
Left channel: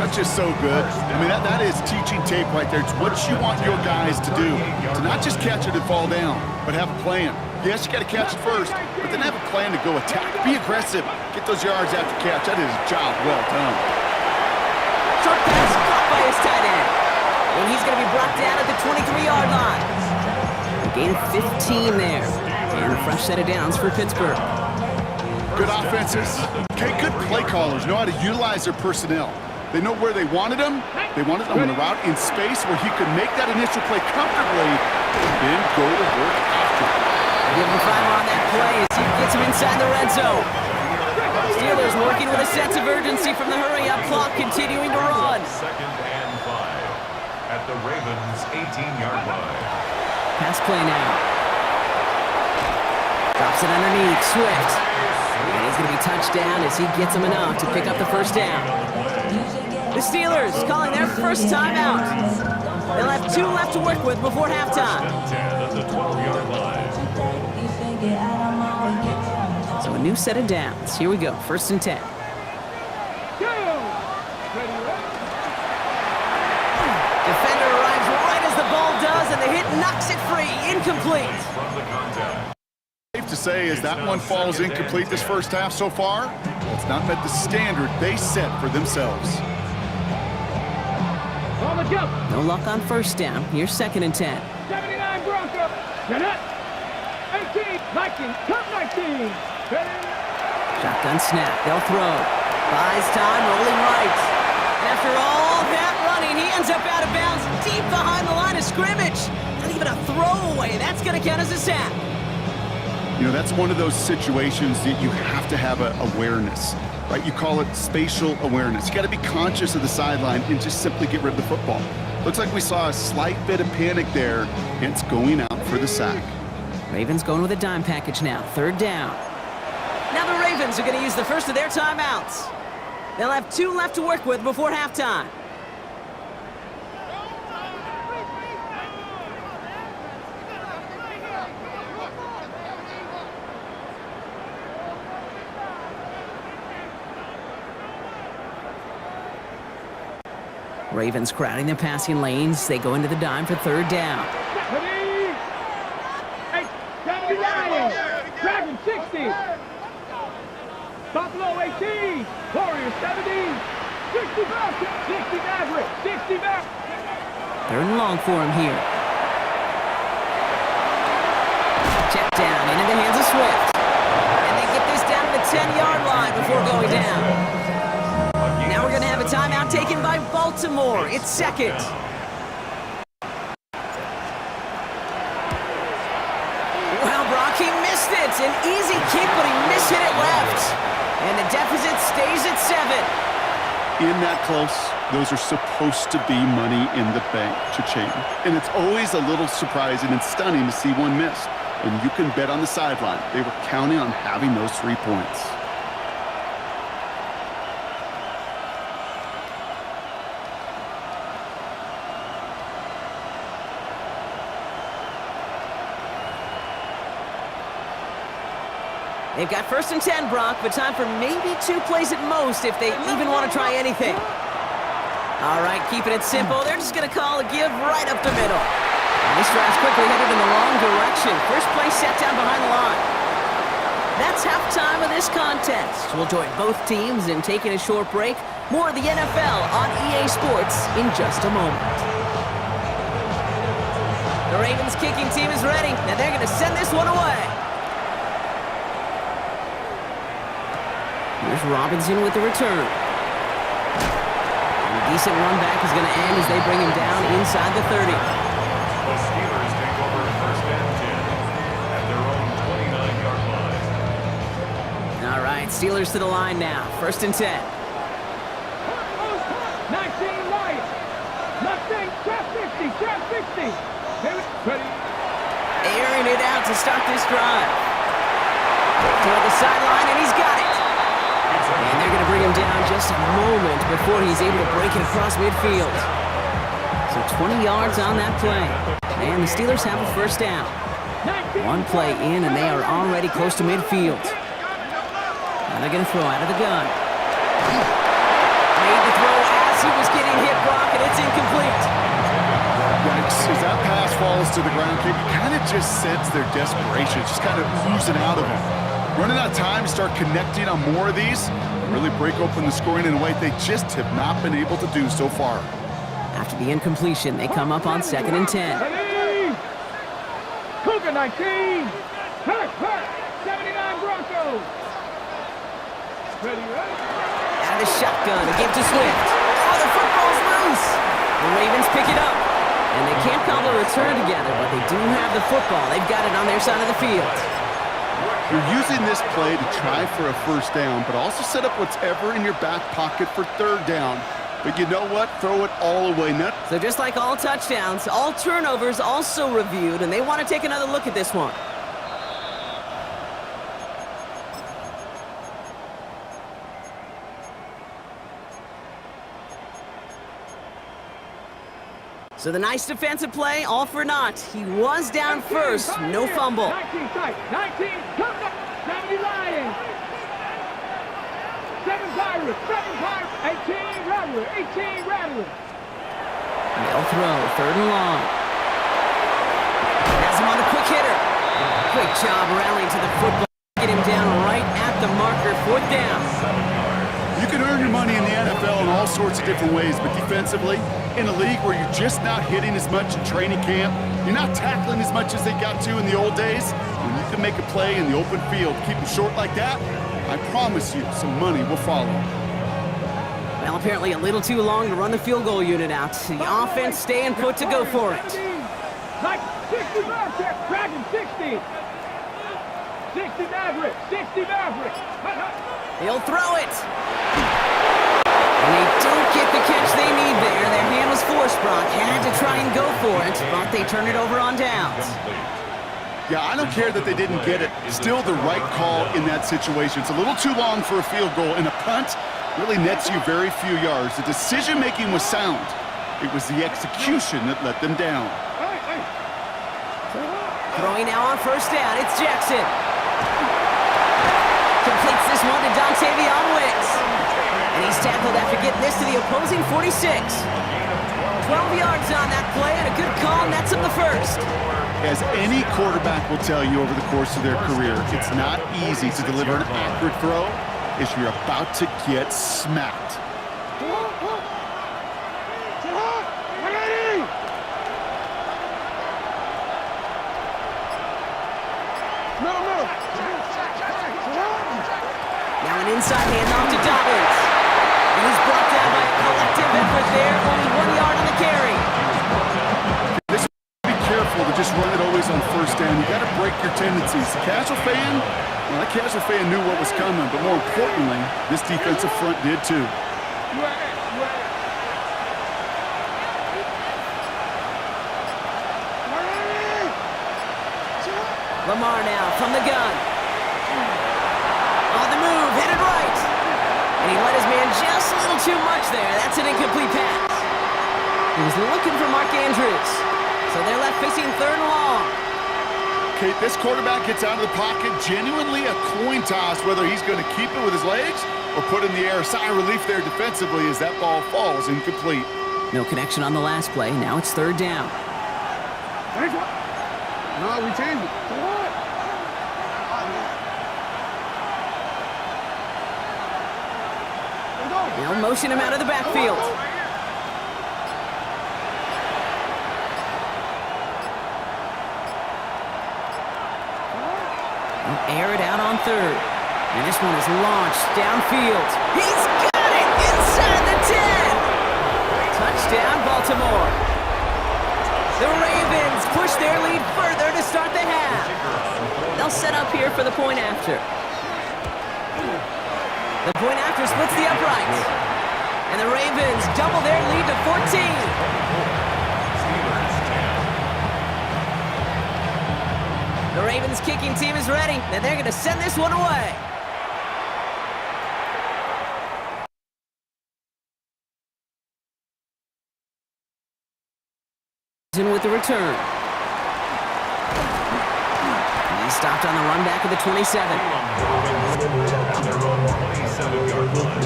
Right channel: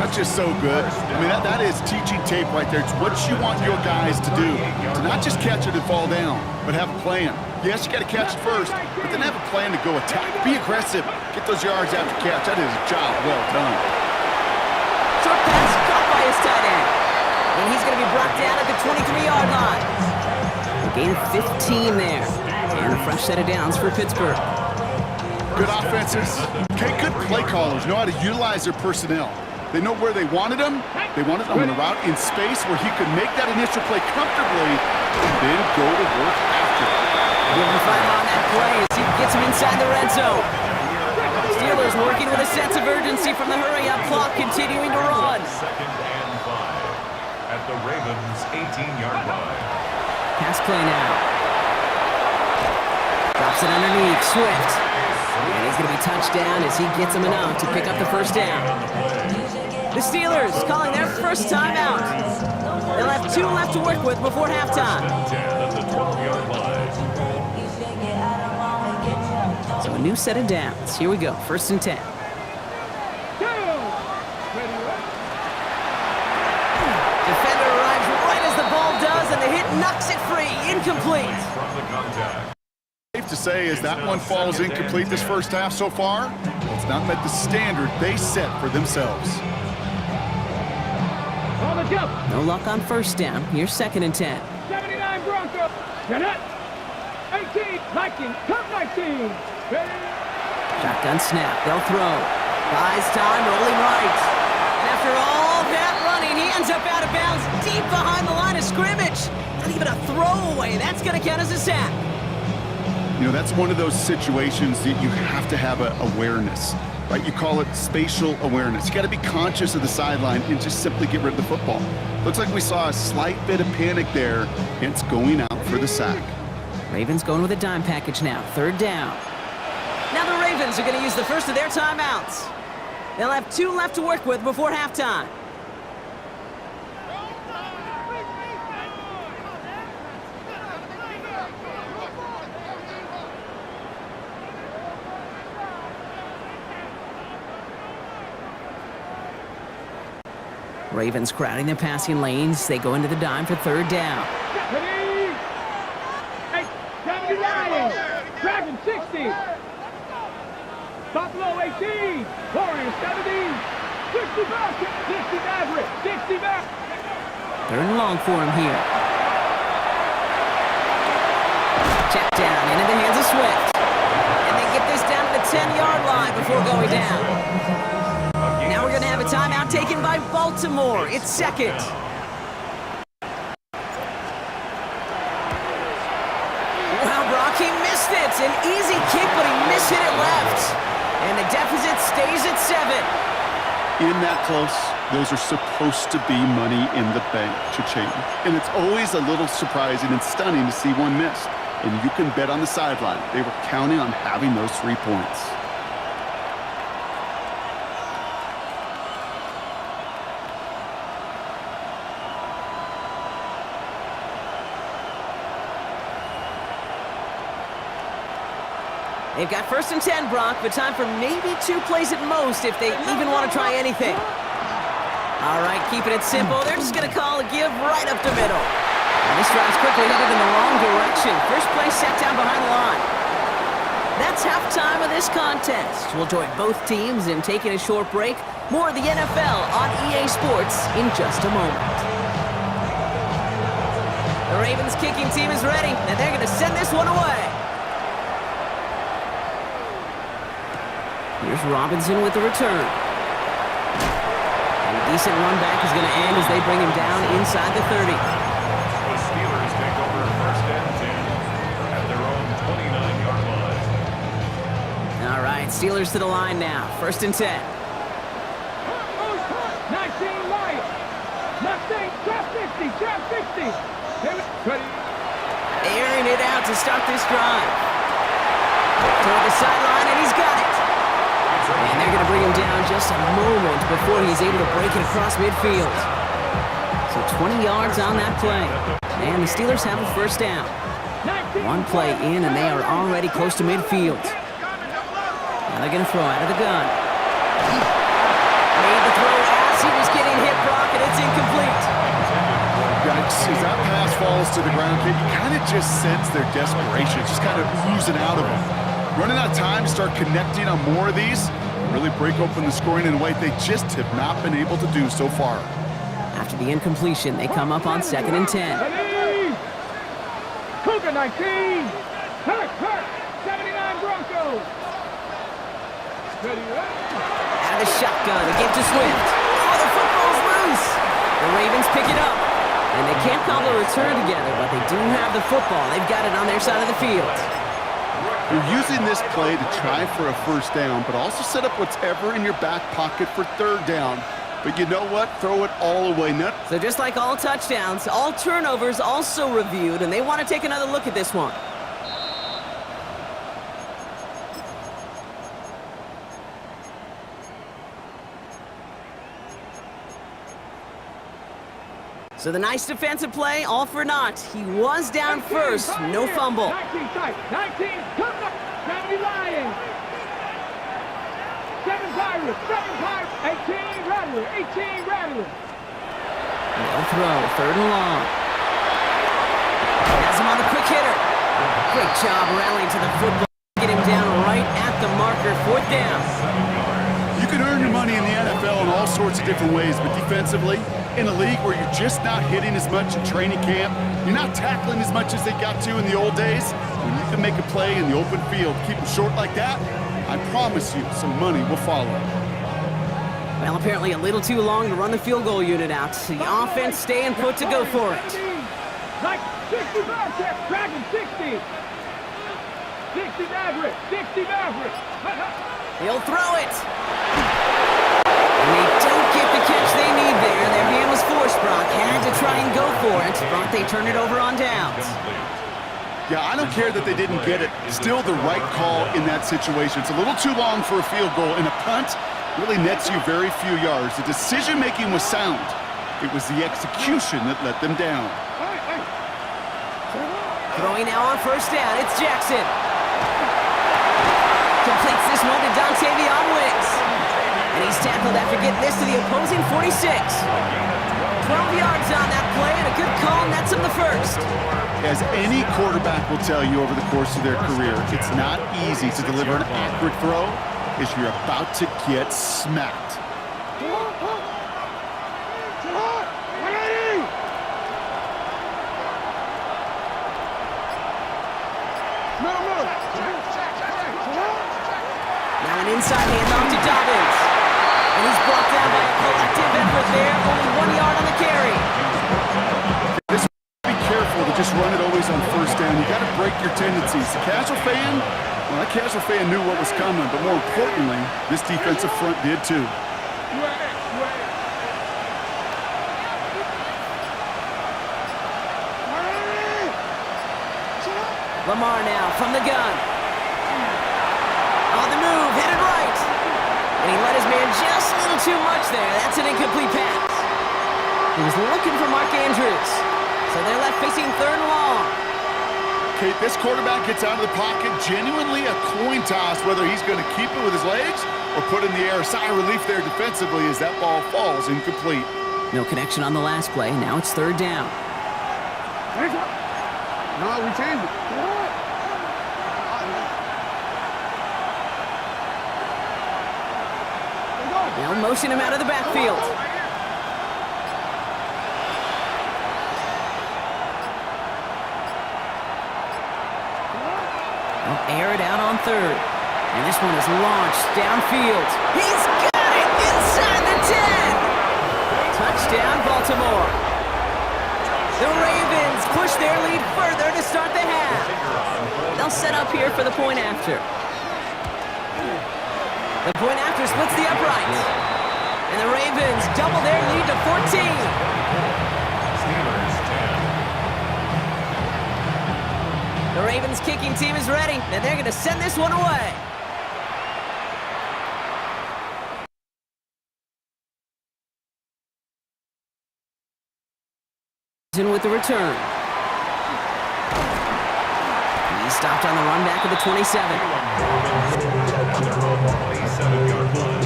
That's just so good. I mean, that is teaching tape right there. It's what you want your guys to do. To not just catch it and fall down, but have a plan. Yes, you got to catch it first, but then have a plan to go attack. Be aggressive. Get those yards after catch. That is a job well done. Short pass caught by his tight end. And he's going to be brought down at the 23-yard line. A gain of 15 there. And a fresh set of downs for Pittsburgh. Good offenses. Okay, good play callers know how to utilize their personnel. They know where they wanted him. They wanted him on the route in space where he could make that initial play comfortably and then go to work after. Give him 5 on that play as he gets him inside the red zone. Steelers working with a sense of urgency from the hurry-up clock, continuing to run. Second and 5 at the Ravens' 18-yard line. Pass play now. Drops it underneath, Swift. And he's going to be touched down as he gets him enough to pick up the first down. The Steelers calling their first timeout. They'll have 2 left to work with before halftime. 10 at the 12-yard line. So a new set of downs. Here we go, first and 10. Defender arrives right as the ball does, and the hit knocks it free. Incomplete. From the contact. Safe to say as that one falls incomplete this first half so far, well, it's not met the standard they set for themselves. No luck on first down. Here's second and 10. 79 Broncos. Get it. 18. 19. Come 19. Shotgun snap. They'll throw. Buys time, rolling right. And after all that running, he ends up out of bounds deep behind the line of scrimmage. Not even a throwaway. That's going to count as a sack. You know, that's one of those situations that you have to have awareness, right? You call it spatial awareness. You got to be conscious of the sideline and just simply get rid of the football. Looks like we saw a slight bit of panic there, hence going out for the sack. Ravens going with a dime package now. Third down. Now the Ravens are going to use the first of their timeouts. They'll have 2 left to work with before halftime. Ravens crowding the passing lanes. They go into the dime for third down. 79. Dragon 60. Buffalo 18. Warriors 17. 60 back. 60 Maverick. 60 back. Third and long for him here. Check down into the hands of Swift. And they get this down to the 10-yard line before going down. Now we're going to have a timeout taken by Baltimore. It's second. Wow, Brock, he missed it. An easy kick, but he mishit it left. And the deficit stays at 7. In that close, those are supposed to be money in the bank, cha-ching. And it's always a little surprising and stunning to see one miss. And you can bet on the sideline, they were counting on having those 3 points. They've got 1st and 10, Brock, but time for maybe 2 plays at most if they even want to try anything. All right, keeping it simple. They're just going to call a give right up the middle. And this drive's quickly headed in the wrong direction. First play set down behind the line. That's halftime of this contest. We'll join both teams in taking a short break. More of the NFL on EA Sports in just a moment. The Ravens kicking team is ready, and they're going to send this one away. Here's Robinson with the return. And a decent run back is going to end as they bring him down inside the 30. The Steelers take over 1st and 10 at their own 29-yard line. All right, Steelers to the line now. 1st and 10. 19 Lions. Nothing. Trap 50. Trap 50. Ready. Airing it out to start this drive. Toward the sideline, and he's got it. And they're going to bring him down just a moment before he's able to break it across midfield. So 20 yards on that play. And the Steelers have a 1st down. 1 play in, and they are already close to midfield. Now they're going to throw out of the gun. Made the throw as he was getting hit, Brock, and it's incomplete. Yikes, as that pass falls to the ground, Kate, you kind of just sense their desperation. It's just kind of oozing out of them. Running out of time to start connecting on more of these, really break open the scoring in a way they just have not been able to do so far. After the incompletion, they come up on 2nd and 10. Ready. Cougar 19. Hurt. 79 Broncos. Ready. Out of the shotgun, a give to Swift. Oh, the football's loose. The Ravens pick it up. And they can't call the return together, but they do have the football. They've got it on their side of the field. You're using this play to try for a 1st down, but also set up whatever in your back pocket for 3rd down. But you know what? Throw it all away. So just like all touchdowns, all turnovers also reviewed, and they want to take another look at this one. So the nice defensive play, all for naught. He was down first, no fumble. 19 tight. 19. Come up. 70 Lions. 7 Pirates. 18 Rattler. 18 Rattler. They'll throw, 3rd and long. Has him on the quick hitter. Great job rallying to the football. Get him down right at the marker, 4th down. You can earn your money in the NFL in all sorts of different ways, but defensively, in a league where you're just not hitting as much in training camp, you're not tackling as much as they got to in the old days, when you can make a play in the open field, keep them short like that, I promise you some money will follow. Well, apparently a little too long to run the field goal unit out. The offense staying put to go for it. Like 60 Bearcats. Dragon 60. 60 Maverick. 60 Maverick. He'll throw it. And they don't get the catch they need there. Their hand was forced, Brock. Had to try and go for it, but they turn it over on downs. Yeah, I don't care that they didn't get it. Still the right call in that situation. It's a little too long for a field goal, and a punt really nets you very few yards. The decision-making was sound. It was the execution that let them down. Throwing now on 1st down. It's Jackson. Completes this one to Dontavion Wicks. And he's tackled after getting this to the opposing 46. 12 yards on that play, and a good call nets him the 1st. As any quarterback will tell you over the course of their career, it's not easy to deliver an accurate throw as you're about to get smacked. Now an inside handoff to Dobbins. And he's brought down by a collective effort there. Only 1 yard on the carry. Be careful to just run it always on 1st down. You got to break your tendencies. The casual fan, well, that casual fan knew what was coming, but more importantly, this defensive front did too. Lamar now from the gun. On the move, hit it right. And he let his man just a little too much there. That's an incomplete pass. He was looking for Mark Andrews. So they're left facing 3rd and long. Kate, this quarterback gets out of the pocket, genuinely a coin toss whether he's going to keep it with his legs or put it in the air. Sigh of relief there defensively as that ball falls incomplete. No connection on the last play. Now it's third down. No, we changed it. They'll motion him out of the backfield. They'll air it out on third. And this one is launched downfield. He's got it inside the 10. Touchdown, Baltimore. The Ravens push their lead further to start the half. They'll set up here for the point after. The point after splits the upright. And the Ravens double their lead to 14. Steelers 10. The Ravens kicking team is ready, and they're going to send this one away. In with the return. He's stopped on the run back of the 27. At their own 27-yard line.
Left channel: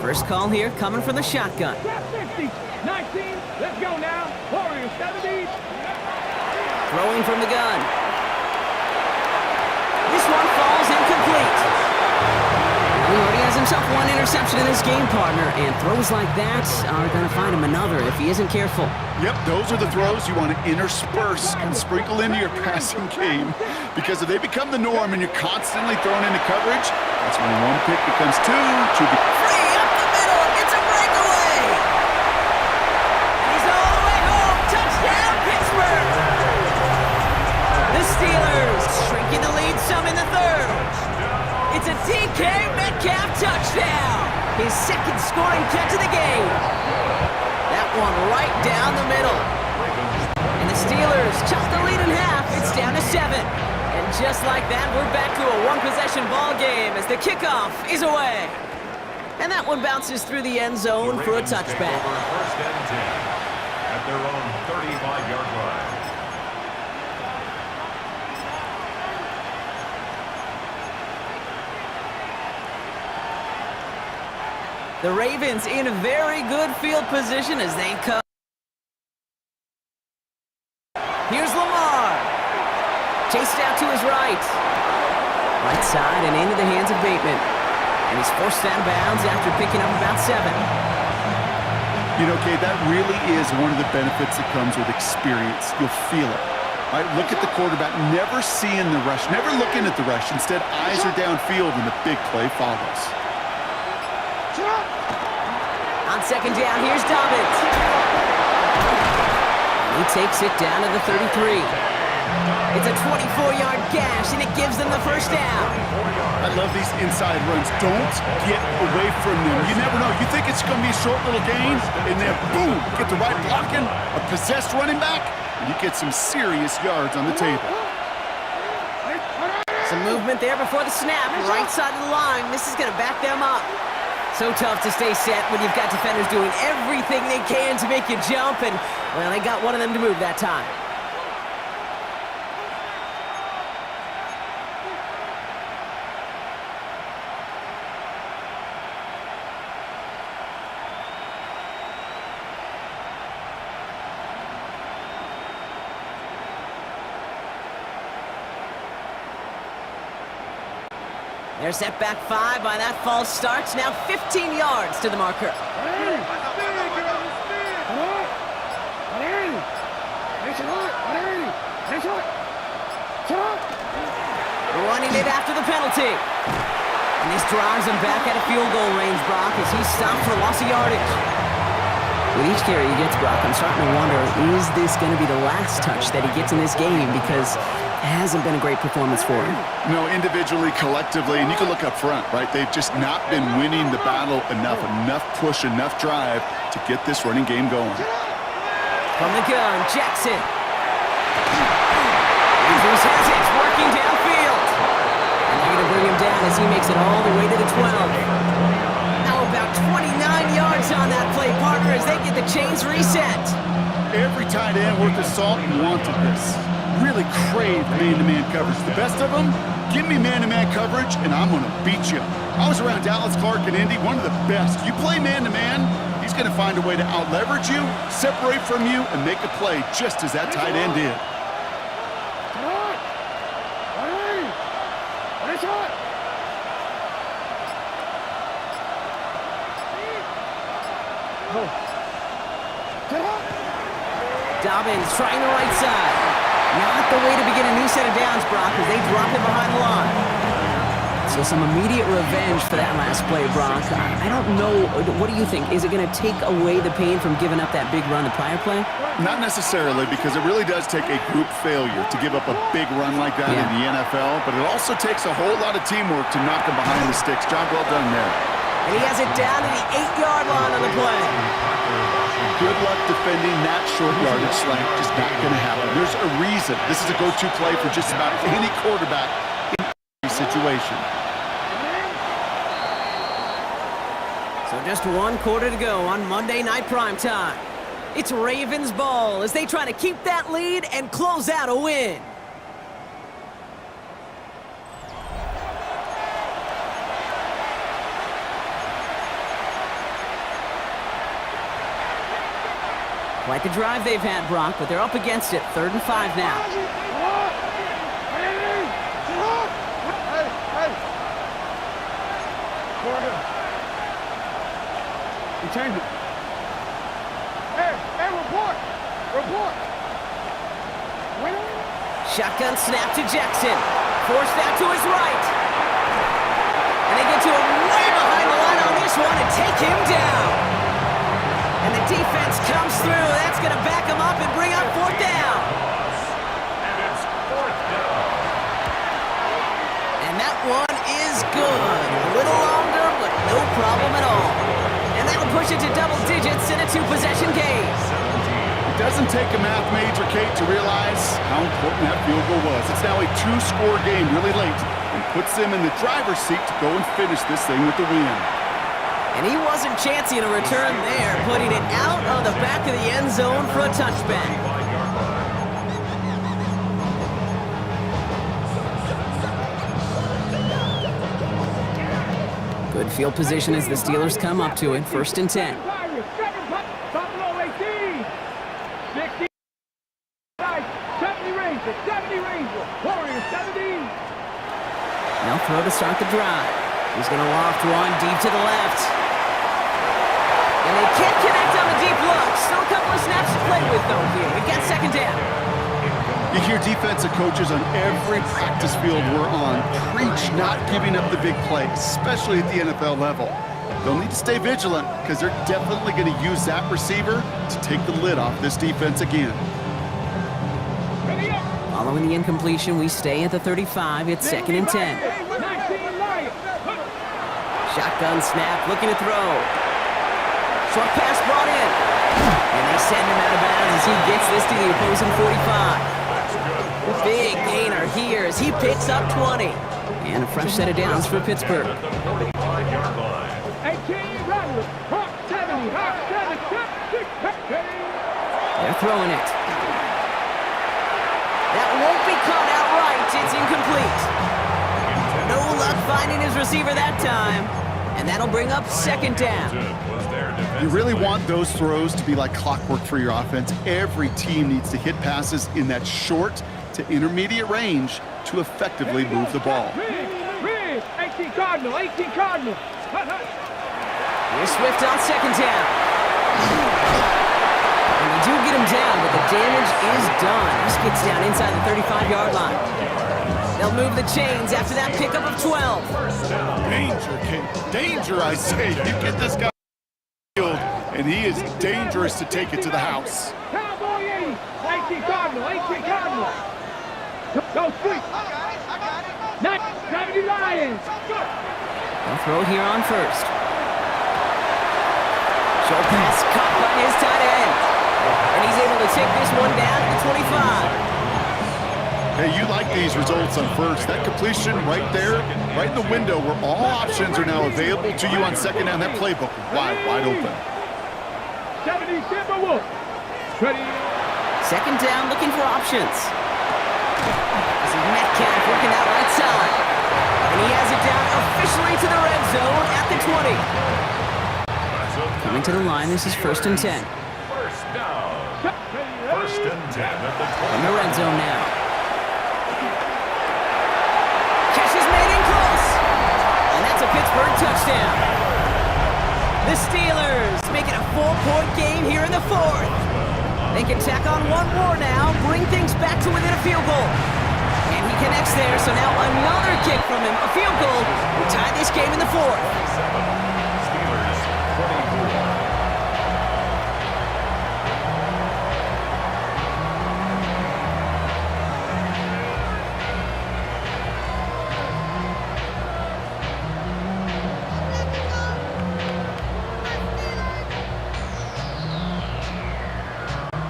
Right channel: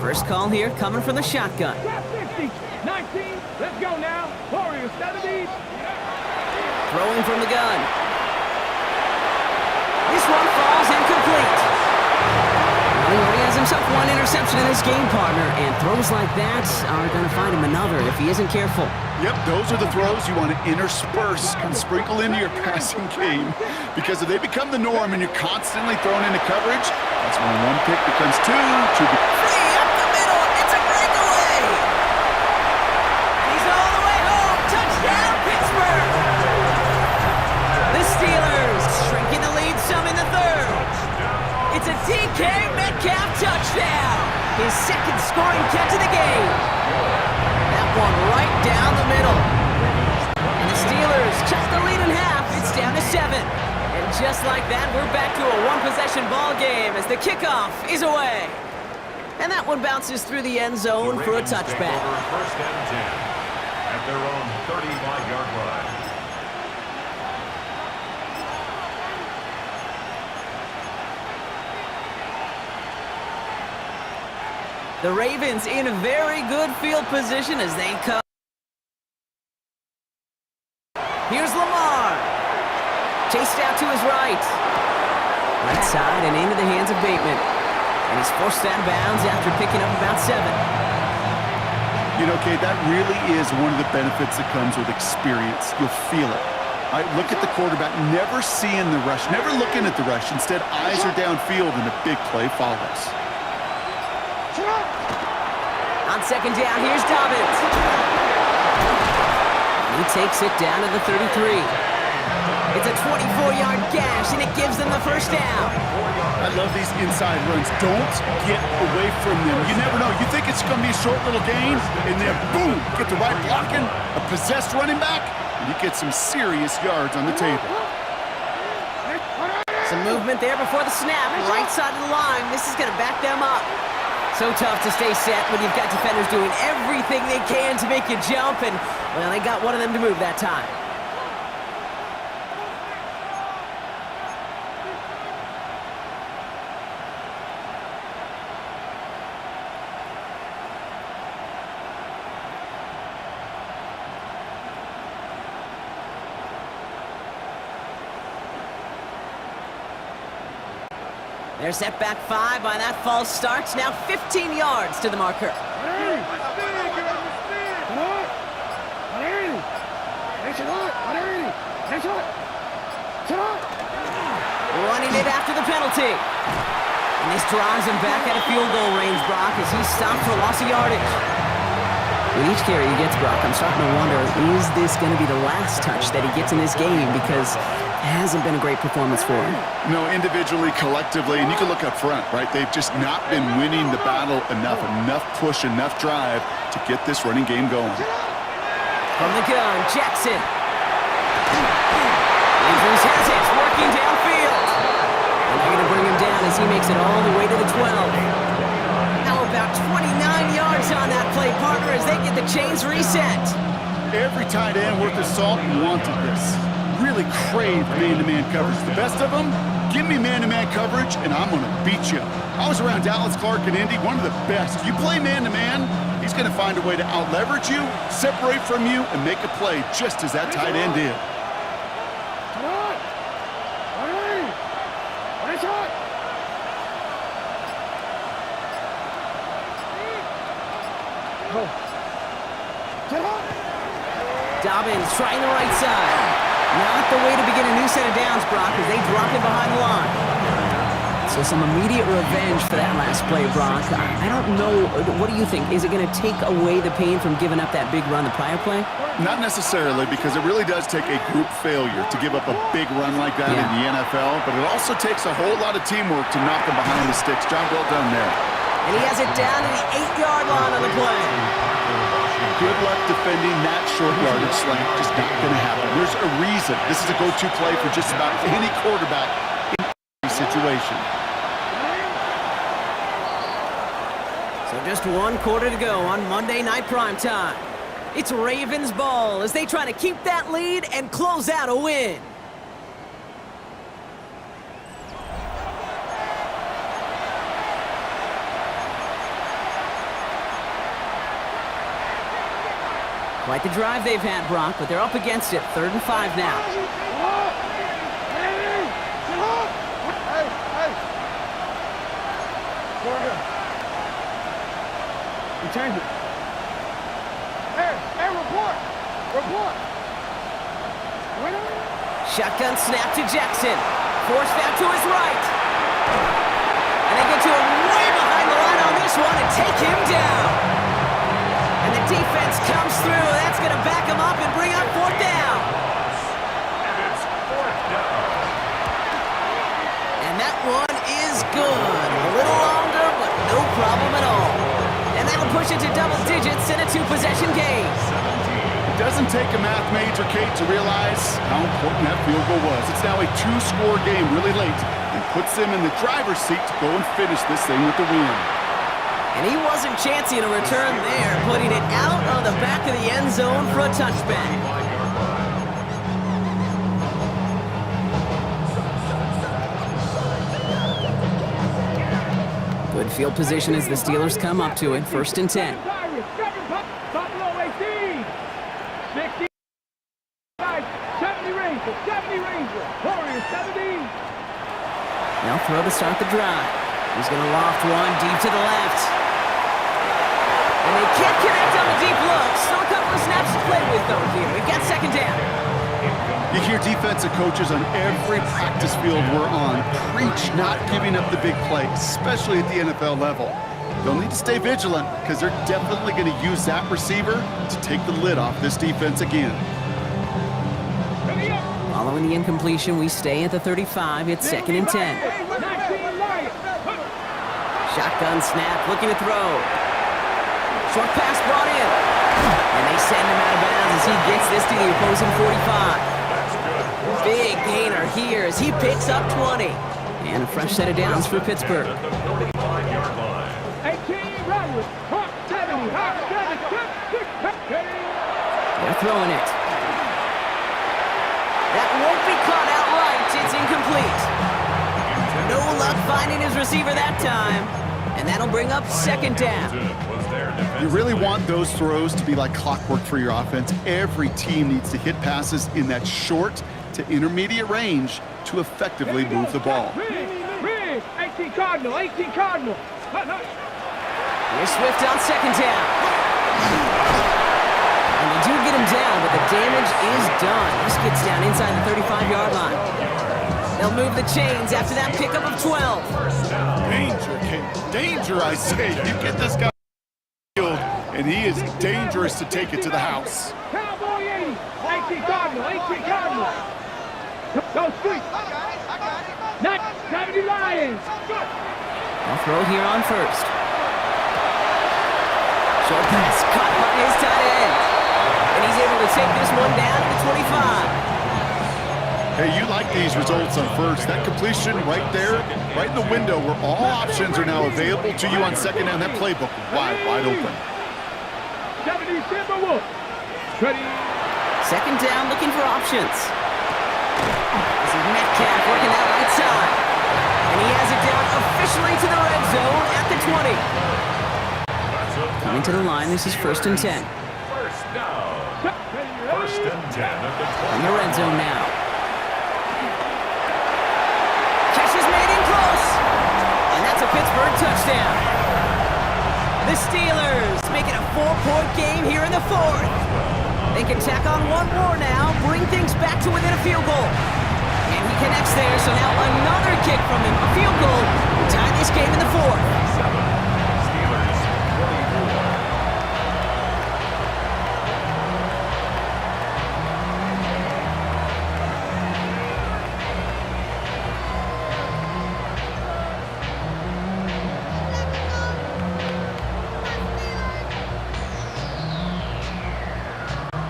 First call here coming from the shotgun. 60, 19, let's go now. Warriors 70. Throwing from the gun. This one falls incomplete. Well, he already has himself one interception in his game, partner, and throws like that are going to find him another if he isn't careful. Yep, those are the throws you want to intersperse and sprinkle into your passing game, because if they become the norm and you're constantly thrown into coverage, that's when one pick becomes two. Free up the middle. It's a breakaway. And he's all the way home. Touchdown, Pittsburgh. The Steelers shrinking the lead some in the third. It's a DK Metcalf touchdown. His second scoring catch of the game. That one right down the middle. And the Steelers cut the lead in half. It's down to 7. And just like that, we're back to a one-possession ball game as the kickoff is away. And that one bounces through the end zone for a touchback. Take over first and 10 at their own 35-yard line. The Ravens in a very good field position as they come. Here's Lamar. Chased out to his right. Right side and into the hands of Bateman. And he's forced out of bounds after picking up about 7. You know, Kate, that really is one of the benefits that comes with experience. You'll feel it. All right, look at the quarterback, never seeing the rush, never looking at the rush. Instead, eyes are downfield and the big play follows. On second down, here's Dobbins. And he takes it down to the 33. It's a 24-yard gash, and it gives them the first down. I love these inside runs. Don't get away from them. You never know. You think it's going to be a short little gain, and then boom, get the right blocking, a possessed running back, and you get some serious yards on the table. Some movement there before the snap, right side of the line. This is going to back them up. So tough to stay set when you've got defenders doing everything they can to make you jump, and, well, they got one of them to move that time. They're set back 5 by that false start. Now 15 yards to the marker. Running it after the penalty. And this drives him back at a field goal range, Brock, as he's stopped for loss of yardage. With each carry he gets, Brock, I'm starting to wonder, is this going to be the last touch that he gets in this game? Because it hasn't been a great performance for him. No, individually, collectively, and you can look up front, right? They've just not been winning the battle enough push, enough drive to get this running game going. From the gun, Jackson. Andrews has it, working downfield. And they're going to bring him down as he makes it all the way to the 12. How about about 29 yards on that play, partner, as they get the chains reset. Every tight end worth his salt wanted this. Really craved man-to-man coverage. The best of them, give me man-to-man coverage, and I'm going to beat you. I was around Dallas Clark and Indy, one of the best. You play man-to-man, he's going to find a way to out-leverage you, separate from you, and make a play just as that tight end did. Dobbins trying the right side. Not the way to begin a new set of downs, Brock, as they drop him behind the line. So some immediate revenge for that last play, Brock. I don't know. What do you think? Is it going to take away the pain from giving up that big run the prior play? Not necessarily, because it really does take a group failure to give up a big run like that in the NFL, but it also takes a whole lot of teamwork to knock him behind the sticks. Job well done there. And he has it down to the 8-yard line on the play. Good luck defending that short yardage slant. Just not going to happen. There's a reason. This is a go-to play for just about any quarterback in any situation. So just 1 quarter to go on Monday Night Primetime. It's Ravens ball as they try to keep that lead and close out a win. Quite the drive they've had, Brock, but they're up against it. 3rd and 5 now. You change it. Hey, report. Shotgun snap to Jackson. Forced out to his right. And they get to him way behind the line on this one and take him down. And the defense comes through. That's going to back him up and bring up 4th down. And it's 4th down. And that one is good. A little longer, but no problem at all. And that'll push it to double digits in a 2-possession game. 17. It doesn't take a math major, Kate, to realize how important that field goal was. It's now a 2-score game really late and puts them in the driver's seat to go and finish this thing with the win. And he wasn't chancing a return there, putting it out on the back of the end zone for a touchback. 5-yard line. Good field position as the Steelers come up to it. 1st and 10. Top below 18. 60. 70 Ranger. Warriors 70. They'll throw to start the drive. He's going to loft one deep to the left. And they can't connect on the deep look. Still a couple of snaps to play with, though, here. We've got 2nd down. You hear defensive coaches on every practice field we're on preach not giving up the big plays, especially at the NFL level. They'll need to stay vigilant because they're definitely going to use that receiver to take the lid off this defense again. Following the incompletion, we stay at the 35. It's 2nd and 10. Shotgun snap, looking to throw. Short pass brought in. And they send him out of bounds as he gets this to the opposing 45. Big gainer here as he picks up 20. And a fresh set of downs for Pittsburgh. At the 45-yard line. 18 Rodgers. Hawk 70. They're throwing it. That won't be caught outright. It's incomplete. No luck finding his receiver that time. And that'll bring up 2nd down. You really want those throws to be like clockwork for your offense. Every team needs to hit passes in that short to intermediate range to effectively move the ball. 18 Cardinal. Here's Swift on 2nd down. And they do get him down, but the damage is done. This gets down inside the 35-yard line. They'll move the chains after that pickup of 12. Danger, Kate. Danger, I say. You get this guy field, and he is dangerous to take it to the house. Cowboy 80. 18 Cardinal. Go Sweet. I got it. 70 Lions. They'll throw here on 1st. Short pass caught by his tight end. And he's able to take this one down to the 25. Hey, you like these results on first. That completion right there, right in the window where all options are now available to you on second down. That playbook wide open. Second down, looking for options. This is Metcalf working that right side. And he has it down officially to the red zone at the 20. Coming to the line, this is 1st and 10. First down. 1st and 10 at the 20. In the red zone now. Catch is made in close. And that's a Pittsburgh touchdown. The Steelers make it a 4-point game here in the 4th. They can tack on one more now, bring things back to within a field goal. And he connects there, so now another kick from him, a field goal. We tie this game in the 4th. 7. Steelers 24.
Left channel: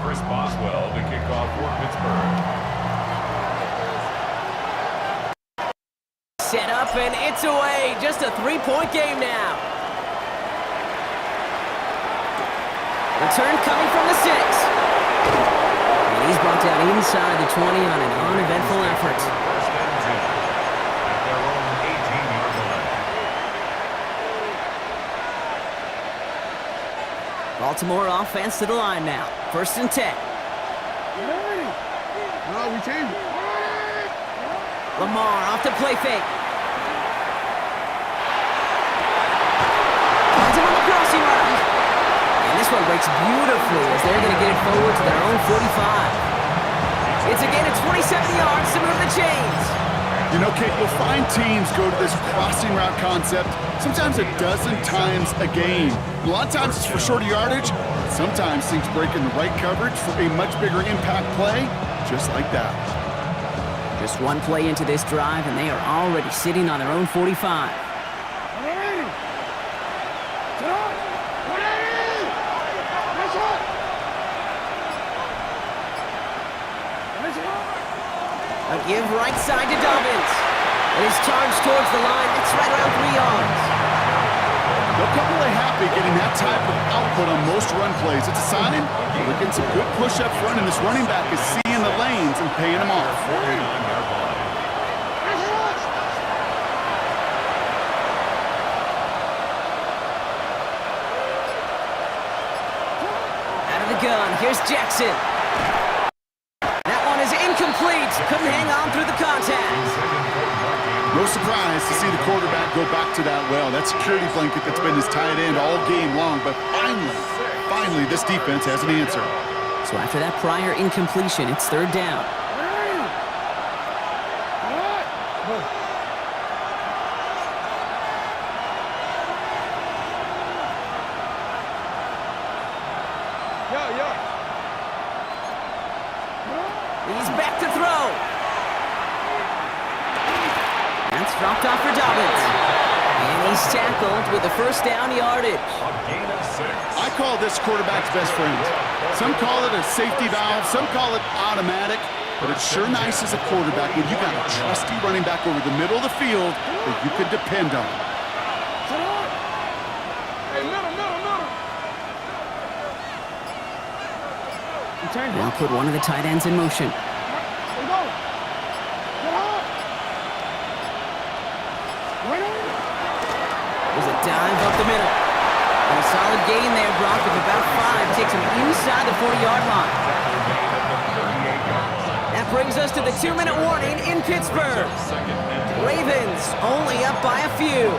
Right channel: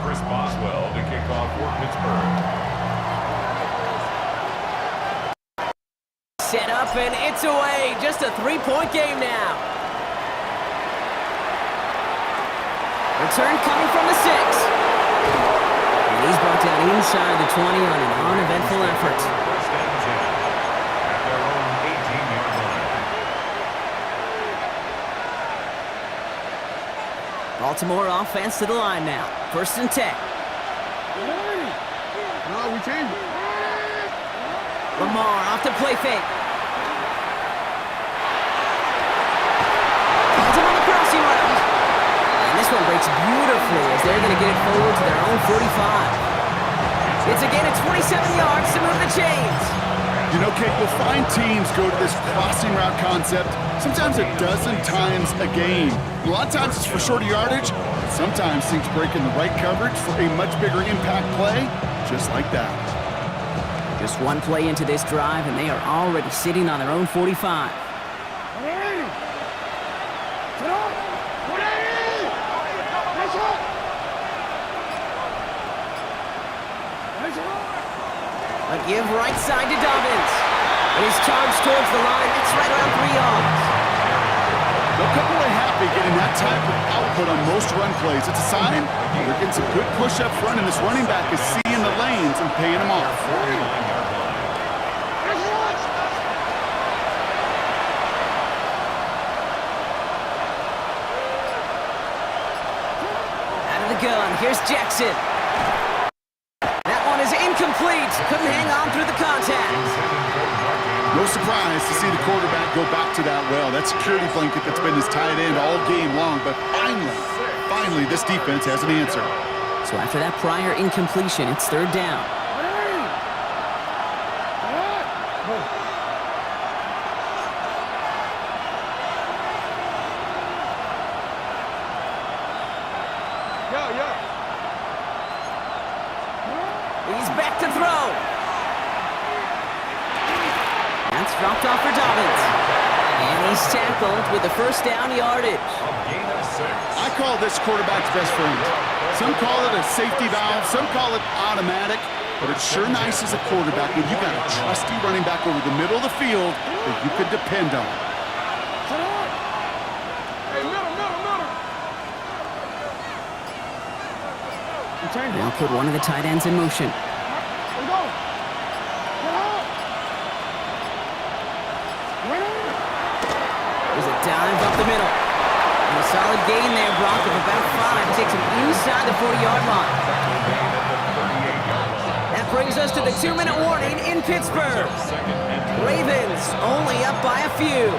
Chris Boswell to kick off for Pittsburgh. Set up and it's away. Just a 3-point game now. Return coming from the 6. And he's brought down inside the 20 on an uneventful effort. 1st and 10 at their own 18-yard line. Baltimore offense to the line now. 1st and 10. No, we changed it. Lamar off the play fake. Finds him on the crossing route. And this one breaks beautifully as they're going to get it forward to their own 45. It's a gain of 27 yards to move the chains. You know, Kate, you'll find teams go to this crossing route concept sometimes a dozen times a game. A lot of times it's for shorter yardage. Sometimes things break in the right coverage for a much bigger impact play, just like that. Just one play into this drive, and they are already sitting on their own 45. A give right side to Dobbins. But he's charged towards the line. It's right around 3 yards. They'll come away happy getting that type of output on most run plays. It's a sign they're getting some good push up front, and this running back is seeing the lanes and paying them off. 49-yard line. Out of the gun, here's Jackson. That one is incomplete. Couldn't hang on through the contact. No surprise to see the quarterback go back to that well. That security blanket that's been his tight end all game long, but finally, this defense has an answer. So after that prior incompletion, it's 3rd down. He's back to throw. That's dropped off for Dobbins. And he's tackled with the 1st down yardage. A gain of 6. I call this quarterback's best friend. Some call it a safety valve, some call it automatic, but it's sure nice as a quarterback when you got a trusty running back over the middle of the field that you could depend on. Hey, middle. Now put one of the tight ends in motion. Let's go. Get up. There's a dive up the middle. And a solid gain there, Brock, of about 5. Takes him inside the 40-yard line. Tackle made at the 38-yard line. That brings us to the 2-minute warning in Pittsburgh. Ravens only up by a few.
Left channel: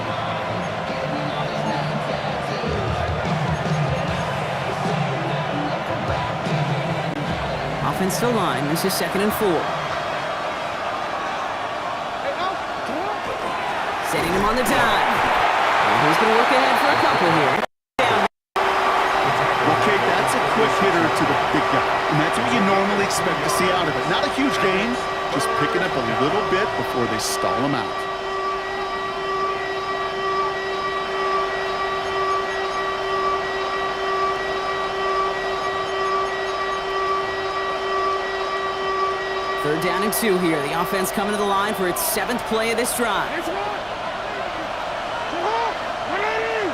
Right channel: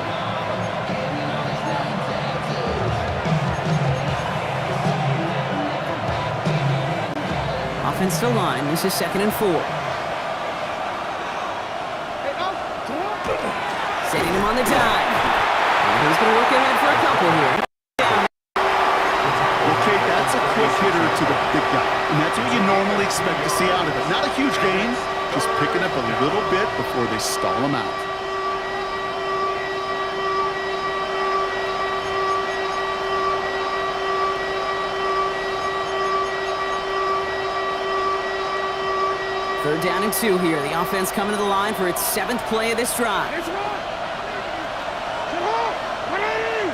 Offensive line, this is 2nd and 4. Setting him on the dive. And he's going to work ahead for a couple here. Okay, that's a quick hitter to the big guy, and that's what you normally expect to see out of it. Not a huge gain, just picking up a little bit before they stall him out. Third down and 2 here. The offense coming to the line for its 7th play of this drive. It's right. Get up. 180.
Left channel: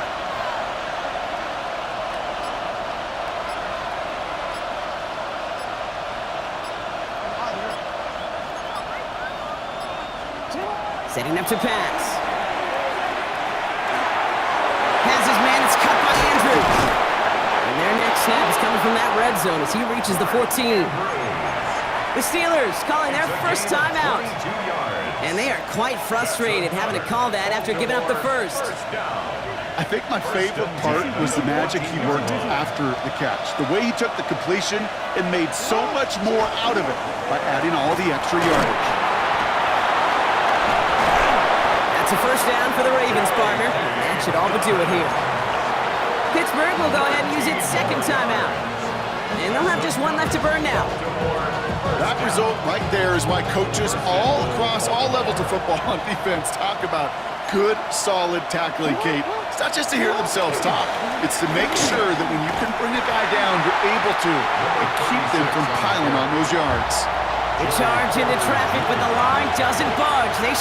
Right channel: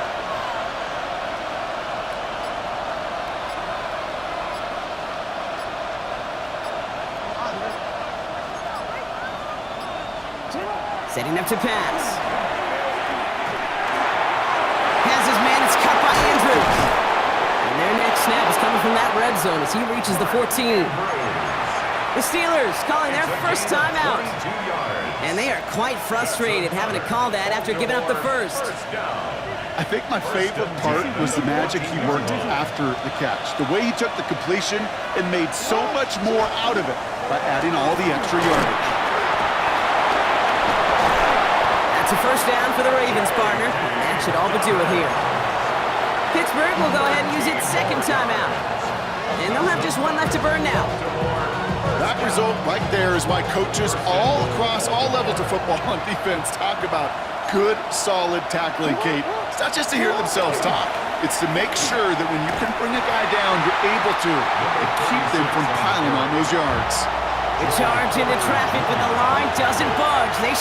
Setting up to pass. Has his man, it's cut by Andrews. And their next snap is coming from that red zone as he reaches the 14. The Steelers calling their first timeout. And they are quite frustrated having to call that after giving up the first. I think my favorite part was the magic he worked after the catch. The way he took the completion and made so much more out of it by adding all the extra yardage. That's a first down for the Ravens, partner. And that should all but do it here. Pittsburgh will go ahead and use its second timeout. And they'll have just one left to burn now. That result right there is why coaches all across all levels of football on defense talk about good, solid tackling, Kate. It's not just to hear themselves talk. It's to make sure that when you can bring a guy down, you're able to and keep them from piling on those yards. The charge into traffic, but the line doesn't budge. They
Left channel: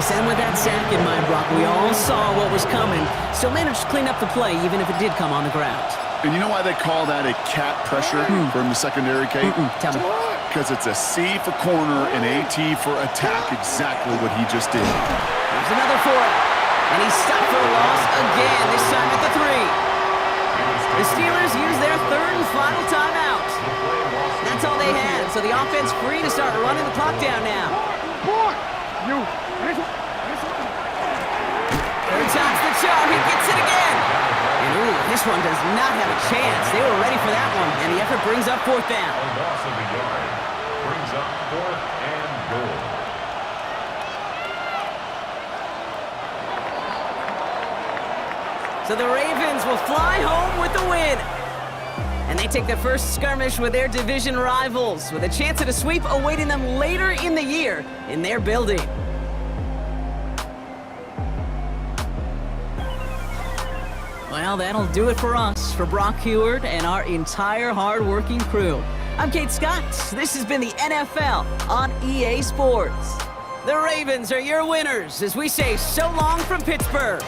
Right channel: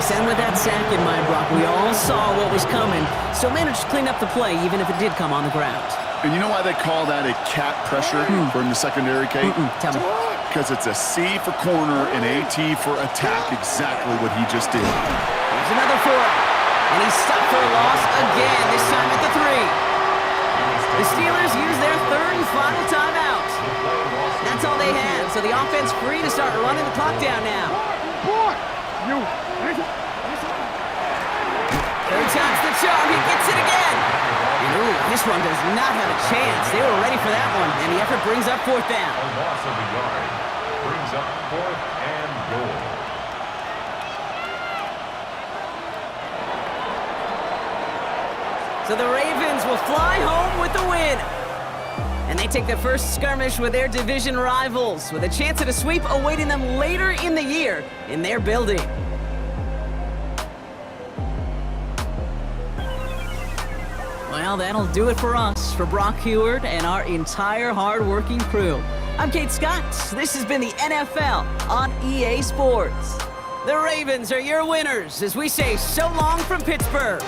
sent with that sack in mind, Brock. We all saw what was coming. Still managed to clean up the play, even if it did come on the ground. And you know why they call that a cat pressure from the secondary, Kate? Tell me. Because it's a C for corner and AT for attack, exactly what he just did. Here's another for it. And he's stopped for a loss again, this time at the 3. The Steelers use their third and final timeout. That's all they had, so the offense free to start running the clock down now. Third time's the charm, he gets it again. And ooh, this one does not have a chance. They were ready for that one, and the effort brings up 4th down. A loss of a yard brings up 4th and goal. So the Ravens will fly home with the win. And they take their first skirmish with their division rivals, with a chance at a sweep awaiting them later in the year in their building. Well, that'll do it for us, for Brock Huard and our entire hard-working crew. I'm Kate Scott. This has been the NFL on EA Sports. The Ravens are your winners as we say so long from Pittsburgh.